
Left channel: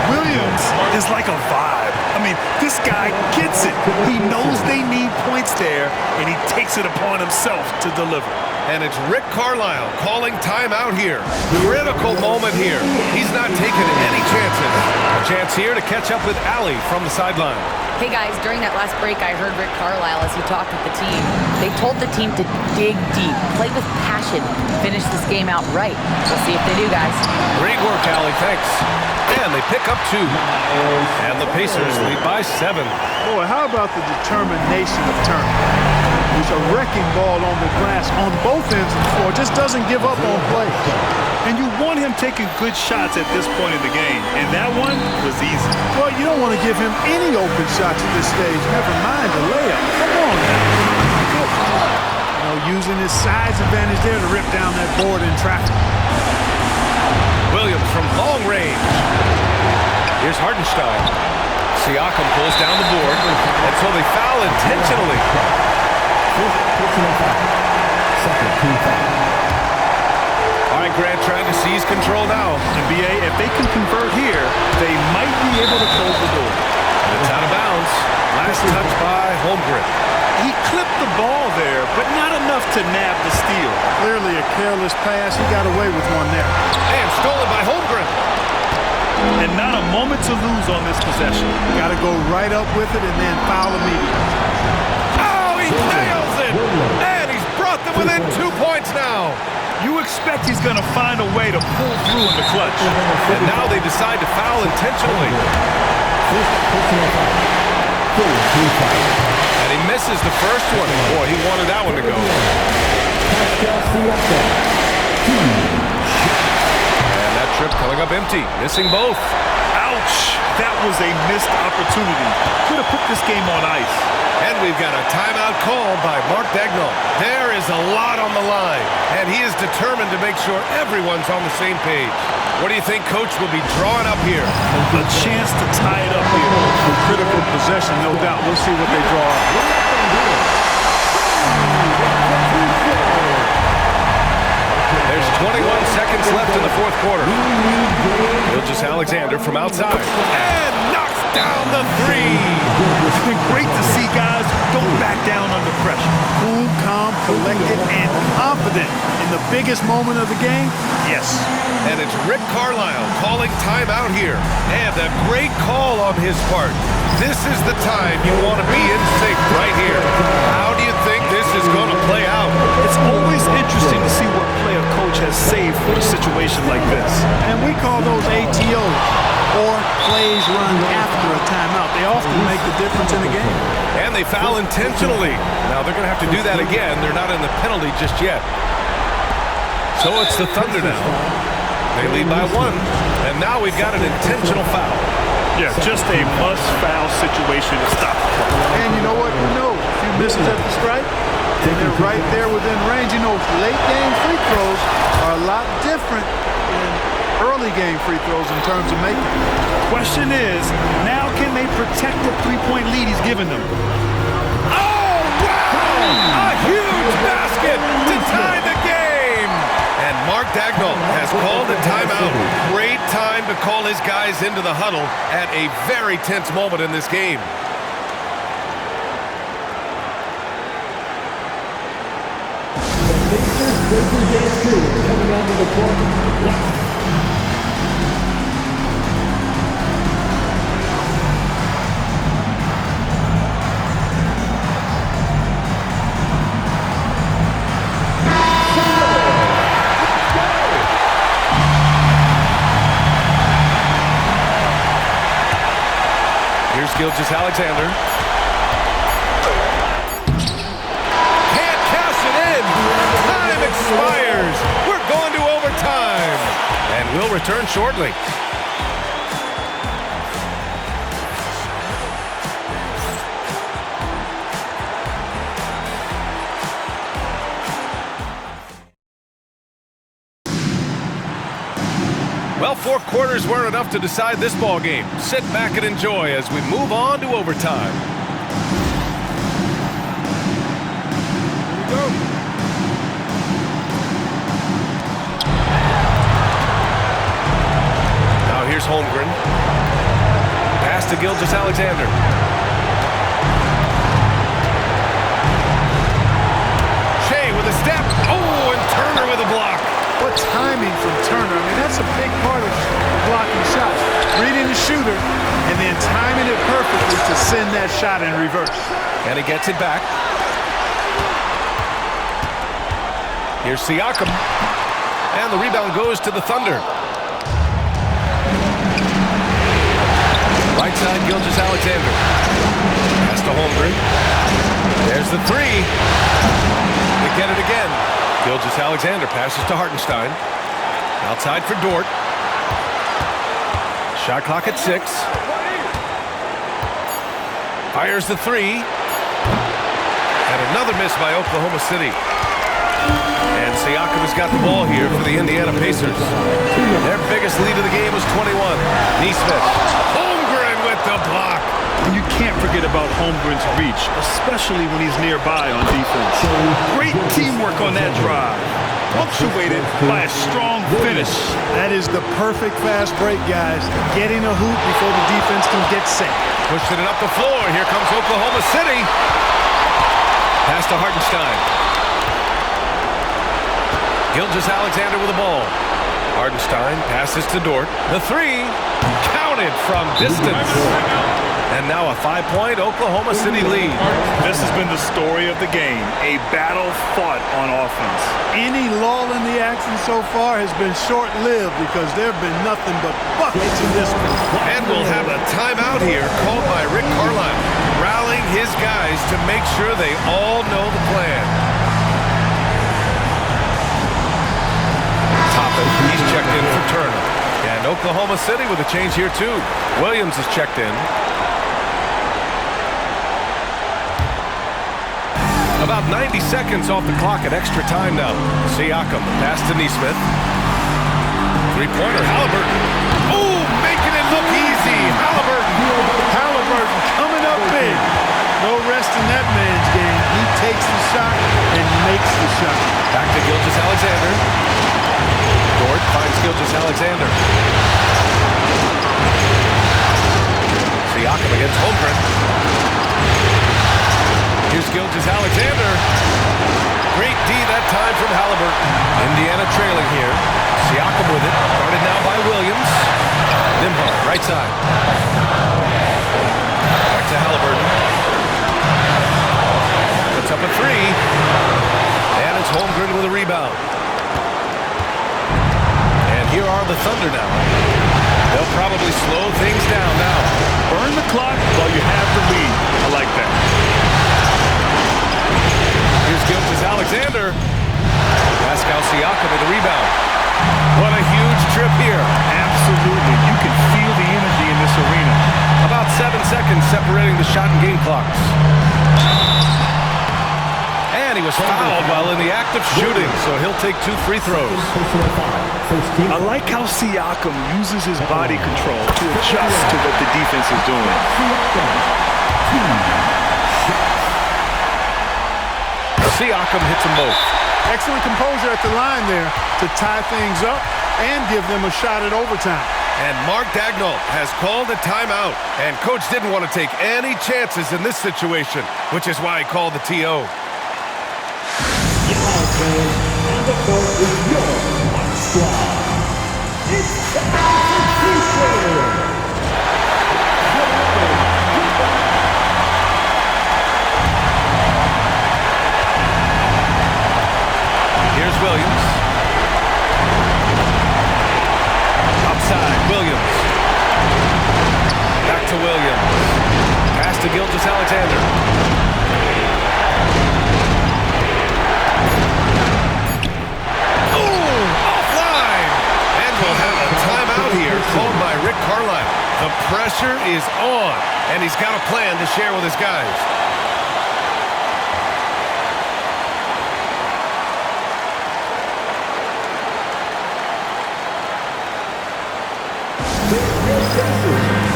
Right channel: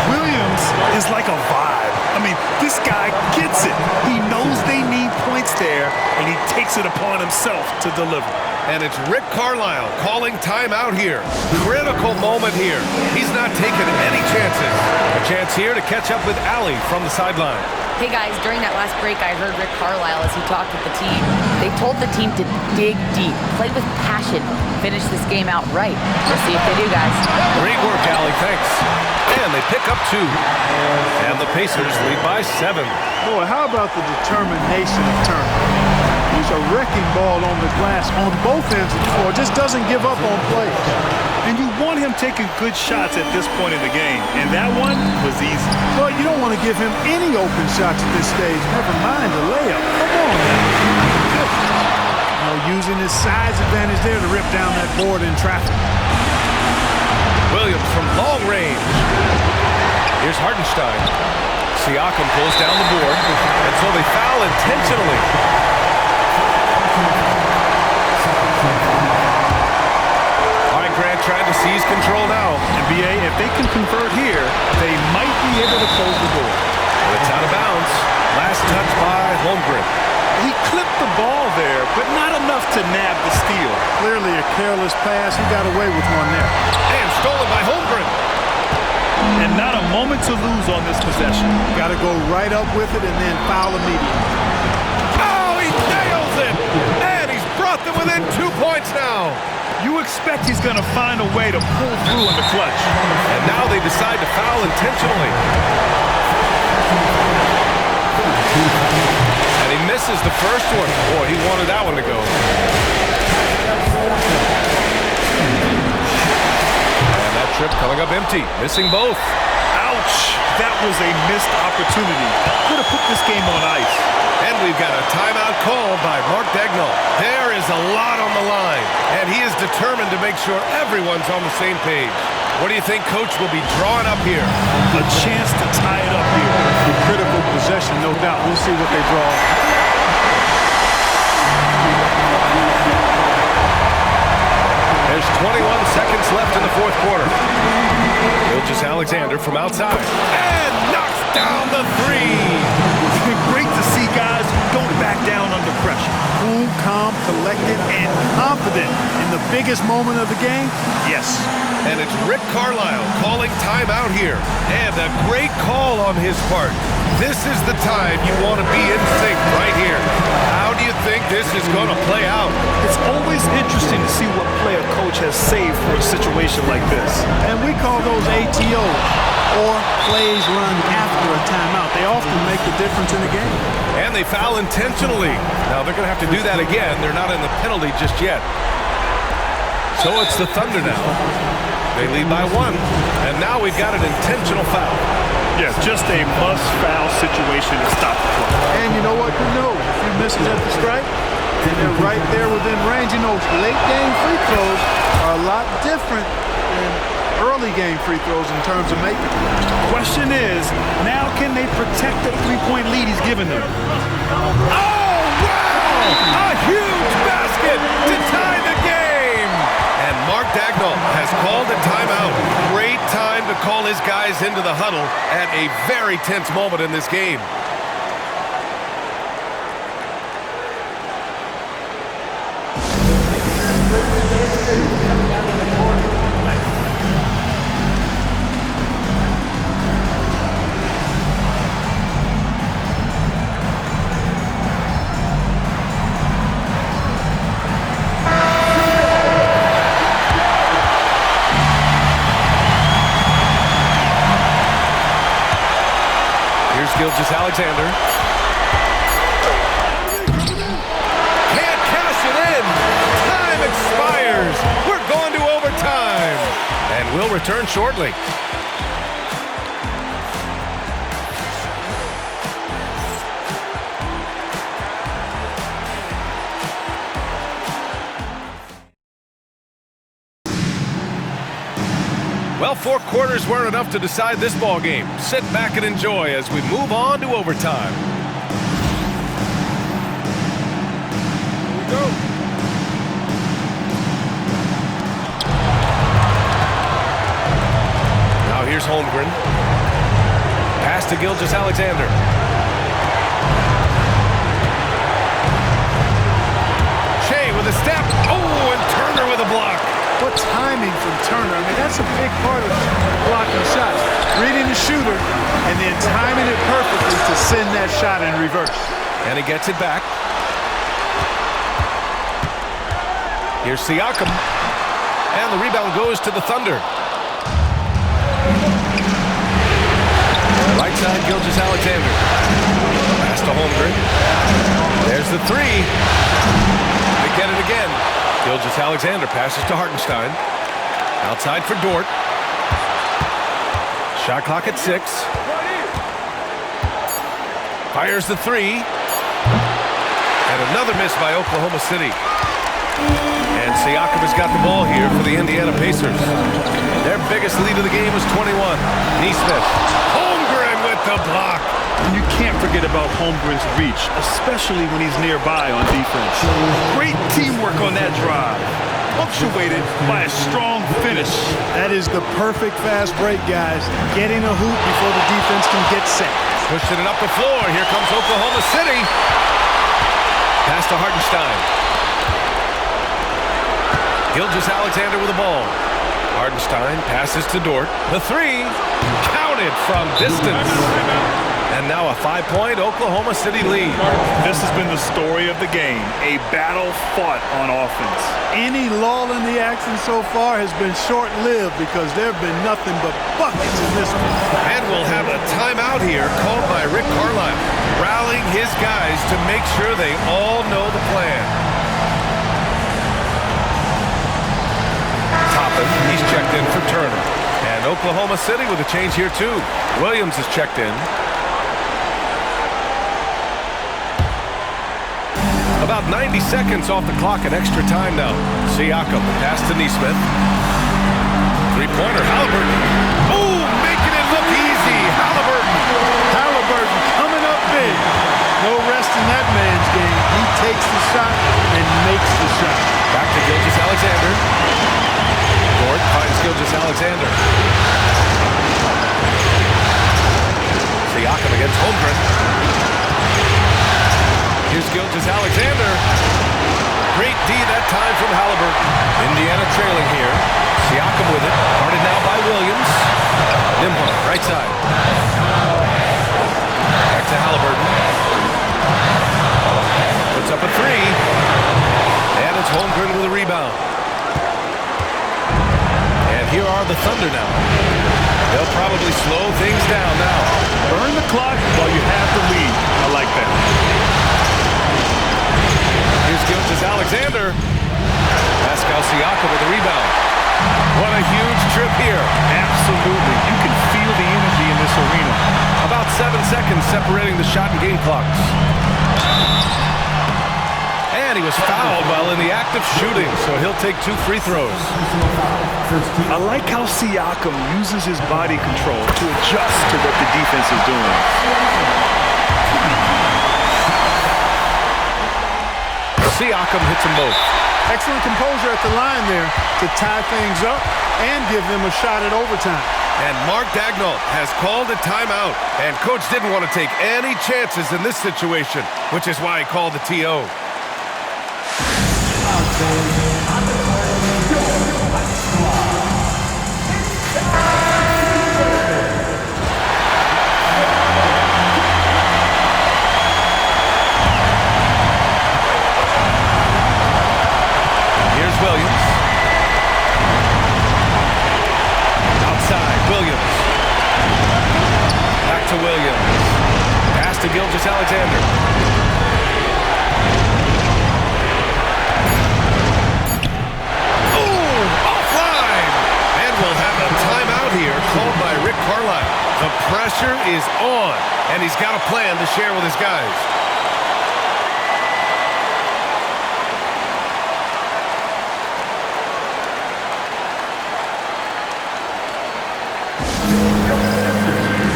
Williams is like a vibe. I mean, this guy gets it. He knows they need points there, and he takes it upon himself to deliver. And it's Rick Carlisle calling timeout here. Critical moment here. He's not taking any chances. A chance here to catch up with Allie from the sideline. Hey guys, during that last break, I heard Rick Carlisle as he talked with the team. They told the team to dig deep, play with passion, finish this game out right. We'll see if they do, guys. Great work, Allie. Thanks. And they pick up 2. And the Pacers lead by 7. Boy, how about the determination of Turner? He's a wrecking ball on the glass on both ends of the floor. Just doesn't give up on plays. And you want him taking good shots at this point in the game, and that one was easy. Well, you don't want to give him any open shots at this stage, never mind the layup. Come on now. You know, using his size advantage there to rip down that board in traffic. Williams from long range. Here's Hartenstein. Siakam pulls down the board, and so they foul intentionally. All right, Grant trying to seize control now. And BA, if they can convert here, they might be able to close the door. And it's out of bounds. Last touch by Holmgren. He clipped the ball there, but not enough to nab the steal. Clearly a careless pass. He got away with one there. And stolen by Holmgren. And not a moment to lose on this possession. Got to go right up with it and then foul immediately. Oh, he nails it! And he's brought them within 2 points now. You expect he's going to find a way to pull through in the clutch. And now they decide to foul intentionally. And he misses the first one. Boy, he wanted that one to go. And that trip coming up empty, missing both. Ouch! That was a missed opportunity. Could have put this game on ice. And we've got a timeout called by Mark Daigneault. There is a lot on the line, and he is determined to make sure everyone's on the same page. What do you think Coach will be drawing up here? A chance to tie it up here. A critical possession, no doubt. We'll see what they draw up. There's 21 seconds left in the fourth quarter. Gilgeous-Alexander from outside. And knocks down the three. Great to see guys don't back down under pressure. Cool, calm, collected, and confident in the biggest moment of the game. Yes. And it's Rick Carlisle calling timeout here. And a great call on his part. This is the time you want to be in sync right here. How do you think this is going to play out? It's always interesting to see what play a coach has saved for a situation like this. And we call those ATOs, or plays run after a timeout. They often make the difference in a game. And they foul intentionally. Now they're going to have to do that again. They're not in the penalty just yet. So it's the Thunder now. They lead by 1. And now we've got an intentional foul. Yeah, just a must-foul situation to stop the clock. And you know what? Who knows? A few misses at the stripe, and they're right there within range. You know, late-game free throws are a lot different than early-game free throws in terms of making them. Question is, now can they protect the three-point lead he's given them? Oh, wow! A huge basket to tie the game! And Mark Daigneault has called a timeout. Great time to call his guys into the huddle at a very tense moment in this game. Coming out of the court. Here's Gilgeous-Alexander. Can't cash it in. Time expires. We're going to overtime. And we'll return shortly. Well, 4 quarters weren't enough to decide this ball game. Sit back and enjoy as we move on to overtime. Here we go. Now here's Holmgren. Pass to Gilgeous-Alexander. Shea with a step. Oh, and Turner with a block. What timing from Turner. I mean, that's a big part of blocking shots. Reading the shooter and then timing it perfectly to send that shot in reverse. And he gets it back. Here's Siakam. And the rebound goes to the Thunder. Right side, Gilgeous-Alexander. Pass to Holmgren. There's the three. They get it again. Gilgeous-Alexander passes to Hartenstein. Outside for Dort. Shot clock at 6. Fires the three. And another miss by Oklahoma City. And Siakam has got the ball here for the Indiana Pacers. Their biggest lead of the game was 21. Nesmith. Holmgren with the block. And you can't forget about Holmgren's reach, especially when he's nearby on defense. Great teamwork on that drive, punctuated by a strong finish. That is the perfect fast break, guys. Getting a hoop before the defense can get set. Pushing it up the floor. Here comes Oklahoma City. Pass to Hartenstein. Gilgeous-Alexander with the ball. Hartenstein passes to Dort. The three, counted from distance. And now a 5-point Oklahoma City lead. This has been the story of the game, a battle fought on offense. Any lull in the action so far has been short-lived because there have been nothing but buckets in this one. And we'll have a timeout here called by Rick Carlisle, rallying his guys to make sure they all know the plan. Toppin, he's checked in for Turner. And Oklahoma City with a change here too. Williams is checked in. About 90 seconds off the clock at extra time now. Siakam, the pass to Nesmith. Three-pointer, Halliburton. Oh, making it look easy. Halliburton coming up big. No rest in that man's game. He takes the shot and makes the shot. Back to Gilgeous-Alexander. Dort finds Gilgeous-Alexander. Siakam against Holmgren. Here's Gilgeous-Alexander. Great D that time from Halliburton. Indiana trailing here. Siakam with it. Guarded now by Williams. Nembhard, right side. Back to Halliburton. Puts up a three. And it's Holmgren with a rebound. And here are the Thunder now. They'll probably slow things down now. Burn the clock while you have the lead. I like that. Here's Gilgeous-Alexander. Pascal Siakam with the rebound. What a huge trip here. Absolutely. You can feel the energy in this arena. About 7 seconds separating the shot and game clocks. And he was fouled while in the act of shooting, so he'll take 2 free throws. I like how Siakam uses his body control to adjust to what the defense is doing. Siakam hits them both. Excellent composure at the line there to tie things up and give them a shot at overtime. And Mark Daigneault has called a timeout. And coach didn't want to take any chances in this situation, which is why he called the TO. On the court with your squad. It's time. Here's Williams. Outside, Williams. Back to Williams. Pass to Gilgeous-Alexander. Offline! And we'll have a timeout here called by Rick Carlisle. The pressure is on, and he's got a plan to share with his guys.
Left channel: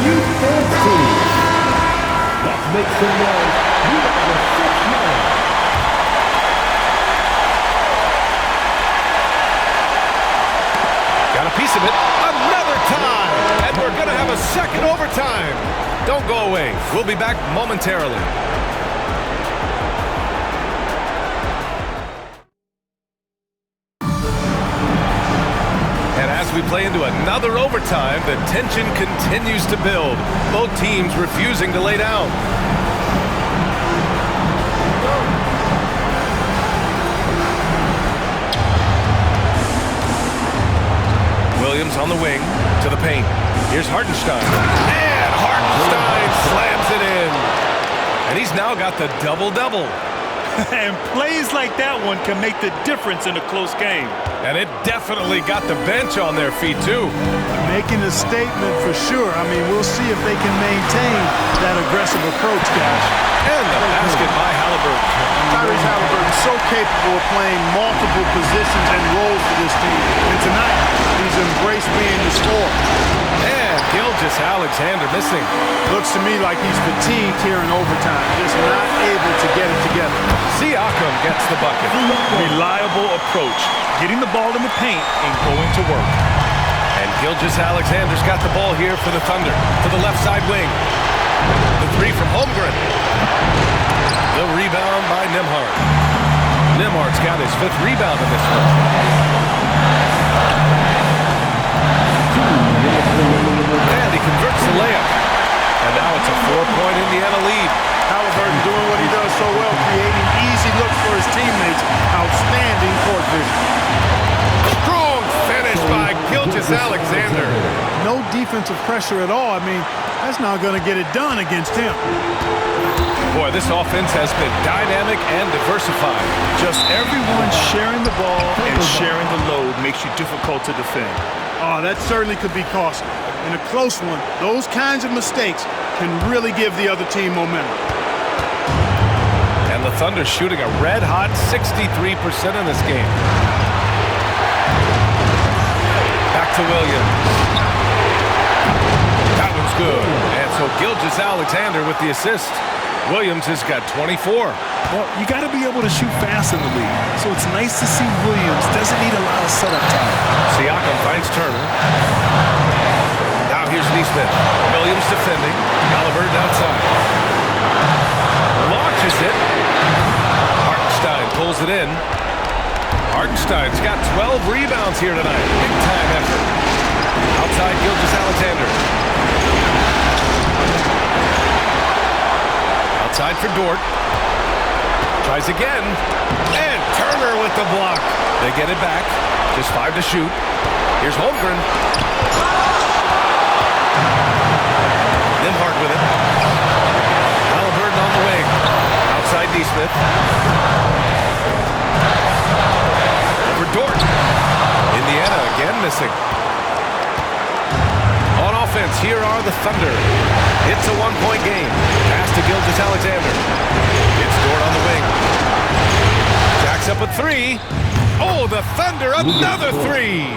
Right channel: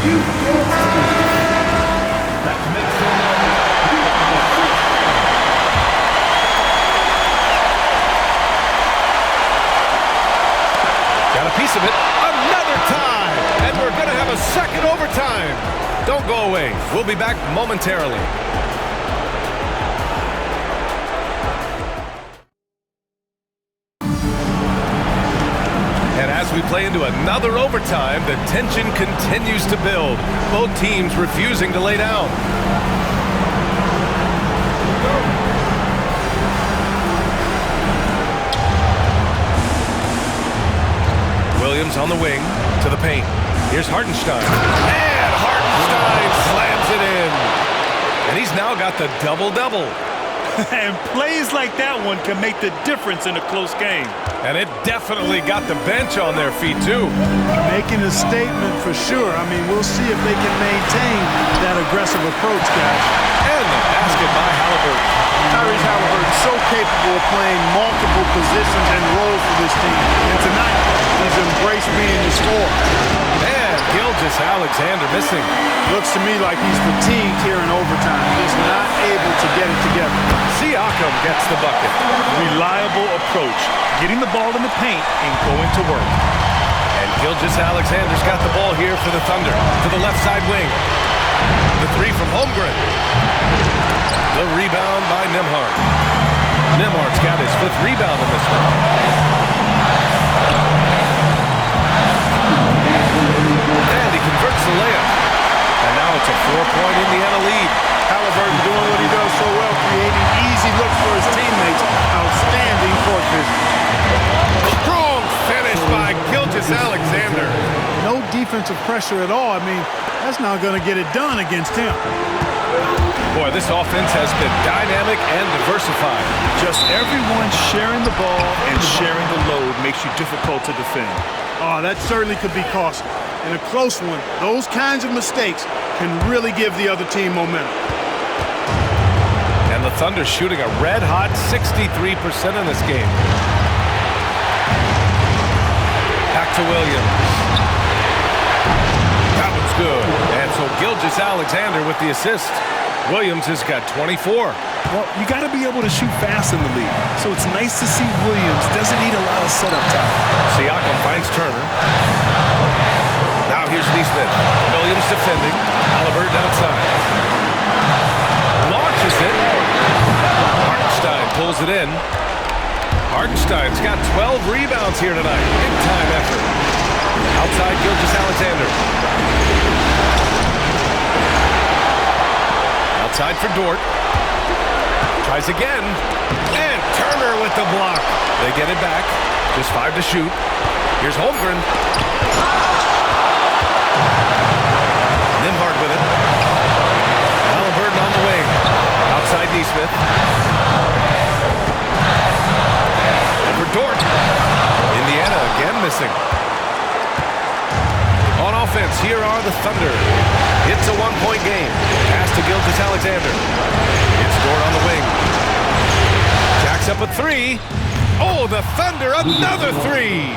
You dance team. Let's make some noise. You are the first man. Got a piece of it. Another tie. And we're going to have a second overtime. Don't go away. We'll be back momentarily. And as we play into another overtime, the tension continues to build. Both teams refusing to lay down. Williams on the wing to the paint. Here's Hartenstein. And Hartenstein slams it in. And he's now got the double-double. And plays like that one can make the difference in a close game. And it definitely got the bench on their feet, too. Making a statement for sure. I mean, we'll see if they can maintain that aggressive approach, guys. And the basket by Halliburton. Tyrese Halliburton so capable of playing multiple positions and roles for this team. And tonight, he's embraced being the scorer. And Gilgeous-Alexander missing. Looks to me like he's fatigued here in overtime, just not able to get it together. Siakam gets the bucket. Reliable approach, getting the ball in the paint and going to work. And Gilgeous-Alexander's got the ball here for the Thunder to the left side wing. The three from Holmgren. The rebound by Nembhard. Nembhard's got his 5th rebound in this one. And he converts the layup. And now it's a 4-point Indiana lead. Halliburton doing what he does so well, creating easy looks for his teammates. Outstanding court vision. Strong finish by Gilgeous-Alexander. No defensive pressure at all. I mean, that's not going to get it done against him. Boy, this offense has been dynamic and diversified. Just everyone sharing the ball and sharing the load makes you difficult to defend. Oh, that certainly could be costly. In a close one, those kinds of mistakes can really give the other team momentum. And the Thunder shooting a red-hot 63% in this game. Back to Williams. That one's good. And so Gilgeous-Alexander with the assist. Williams has got 24. Well, you got to be able to shoot fast in the league. So it's nice to see Williams doesn't need a lot of setup time. Siakam finds Turner. Now here's Neesmith. Williams defending. Halliburton outside. Launches it. Hartenstein pulls it in. Hartenstein's got 12 rebounds here tonight. Big time effort. Outside Gilgeous-Alexander. Outside for Dort. Tries again. And Turner with the block. They get it back. Just 5 to shoot. Here's Holmgren. Nembhard with it. Halliburton on the wing. Outside Neesmith. For Dort. Indiana again missing. On offense, here are the Thunder. It's a 1-point game. Pass to Gilgeous-Alexander. It's Dort on the wing. Jacks up a 3. Oh, the Thunder, another 3.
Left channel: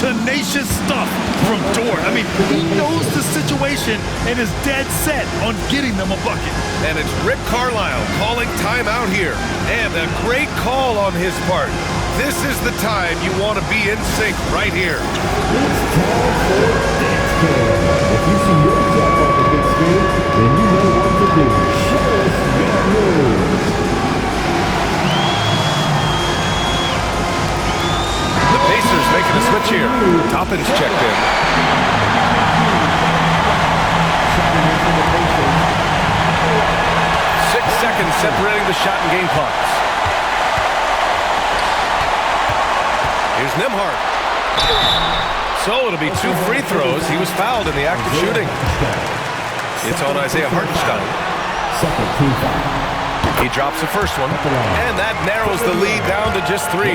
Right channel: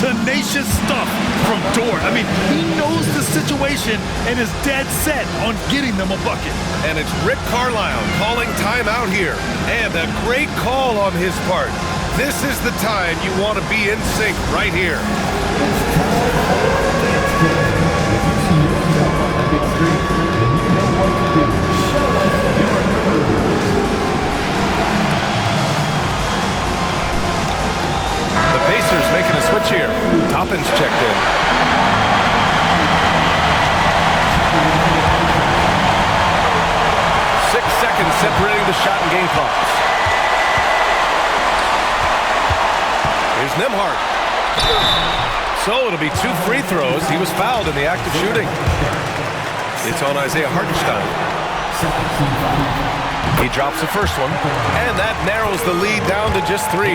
Tenacious stuff from Dort. I mean, he knows the situation and is dead set on getting them a bucket. And it's Rick Carlisle calling timeout here. And a great call on his part. This is the time you want to be in sync right here. It's time for Dance Kingdom. If you see yourself on the big screen, then you know what to do. Show us your moves. The Pacers making a switch here. Toppin's checked in. Six seconds separating the shot and game clocks. Here's Nembhard. So it'll be 2 free throws. He was fouled in the act of shooting. It's on Isaiah Hartenstein. Second team foul. He drops the first one, and that narrows the lead down to just 3. 2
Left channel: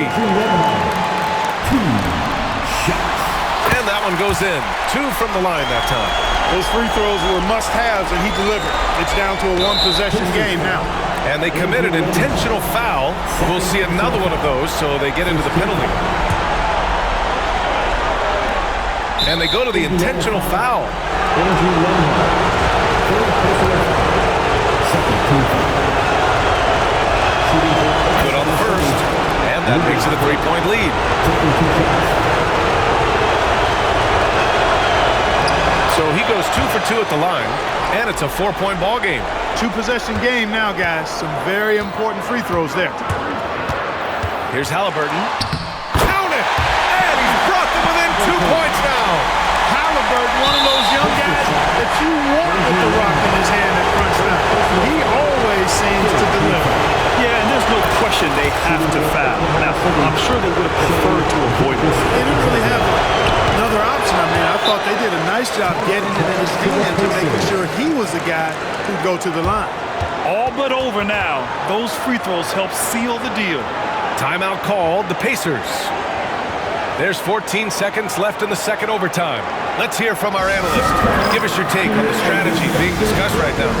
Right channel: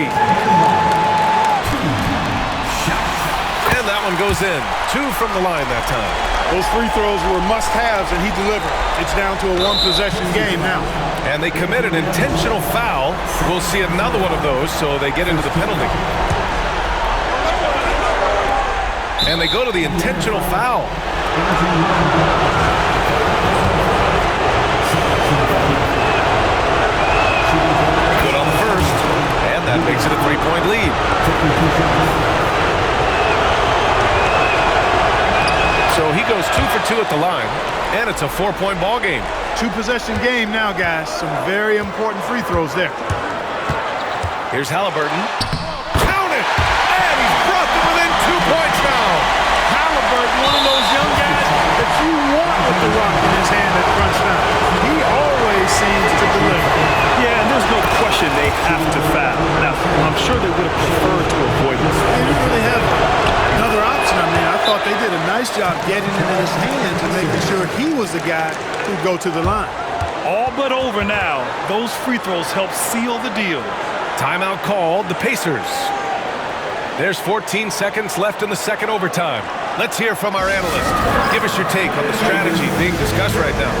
shots. And that one goes in. 2 from the line that time. Those free throws were must-haves, and he delivered. It's down to a 1-possession game now. And they committed intentional foul. We'll see another one of those, so they get into the penalty. And they go to the intentional foul. Good on the first, and that makes it a 3-point lead. So he goes 2 for 2 at the line, and it's a 4-point ball game. 2-possession game now, guys. Some very important free throws there. Here's Halliburton. Count it! And he's brought them within 2 points now. Halliburton, one of those young guys that you want with the rock in his hand at crunch time. He always seems to deliver. Yeah, and there's no question they have to foul. Now, I'm sure they would have preferred to avoid it. They didn't really have another option. I mean, I thought they did a nice job getting it in his hands and making sure he was the guy who'd go to the line. all but over now. Those free throws help seal the deal. Timeout called, the Pacers. There's 14 seconds left in the second overtime. Let's hear from our analyst. Give us your take on the strategy being discussed right now.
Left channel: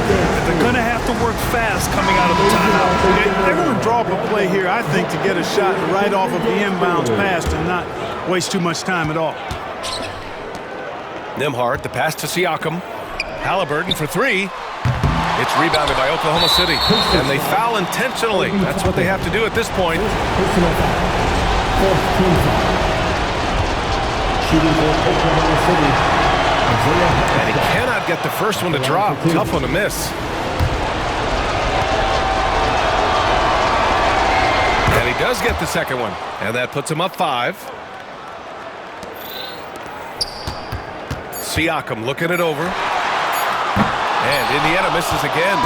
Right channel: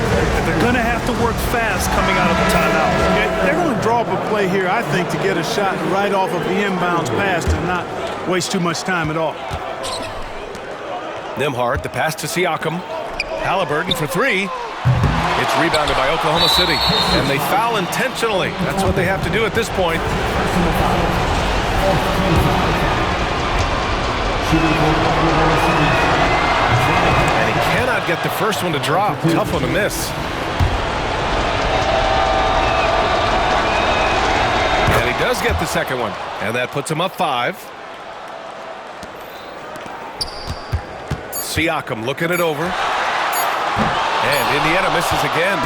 They're going to have to work fast coming out of the timeout. They're going to draw up a play here, I think, to get a shot right off of the inbounds pass and not waste too much time at all. Nembhard, the pass to Siakam. Halliburton for three. It's rebounded by Oklahoma City, and they foul intentionally. That's what they have to do at this point. Personal foul. Fourth team foul. Shooting for Oklahoma City. And he cannot get the first one to drop. Tough one to miss. And he does get the second one, and that puts him up 5. Siakam looking it over. And Indiana misses again.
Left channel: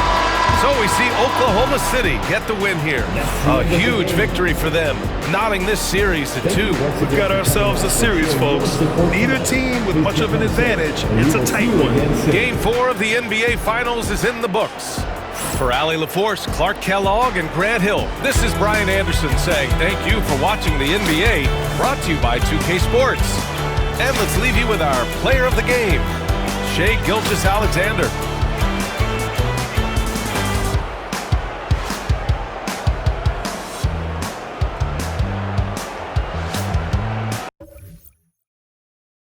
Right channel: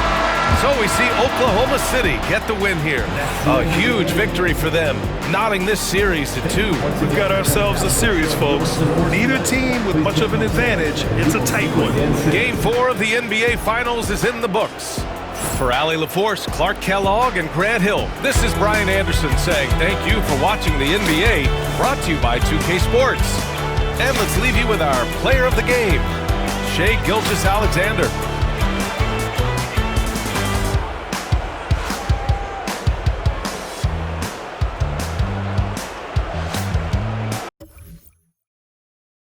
So we see Oklahoma City get the win here. A huge victory for them, knotting this series to 2. We've got ourselves a series, folks. Neither team with much of an advantage. It's a tight one. Game 4 of the NBA Finals is in the books. For Allie LaForce, Clark Kellogg, and Grant Hill, this is Brian Anderson saying thank you for watching the NBA, brought to you by 2K Sports. And let's leave you with our player of the game, Shai Gilgeous-Alexander.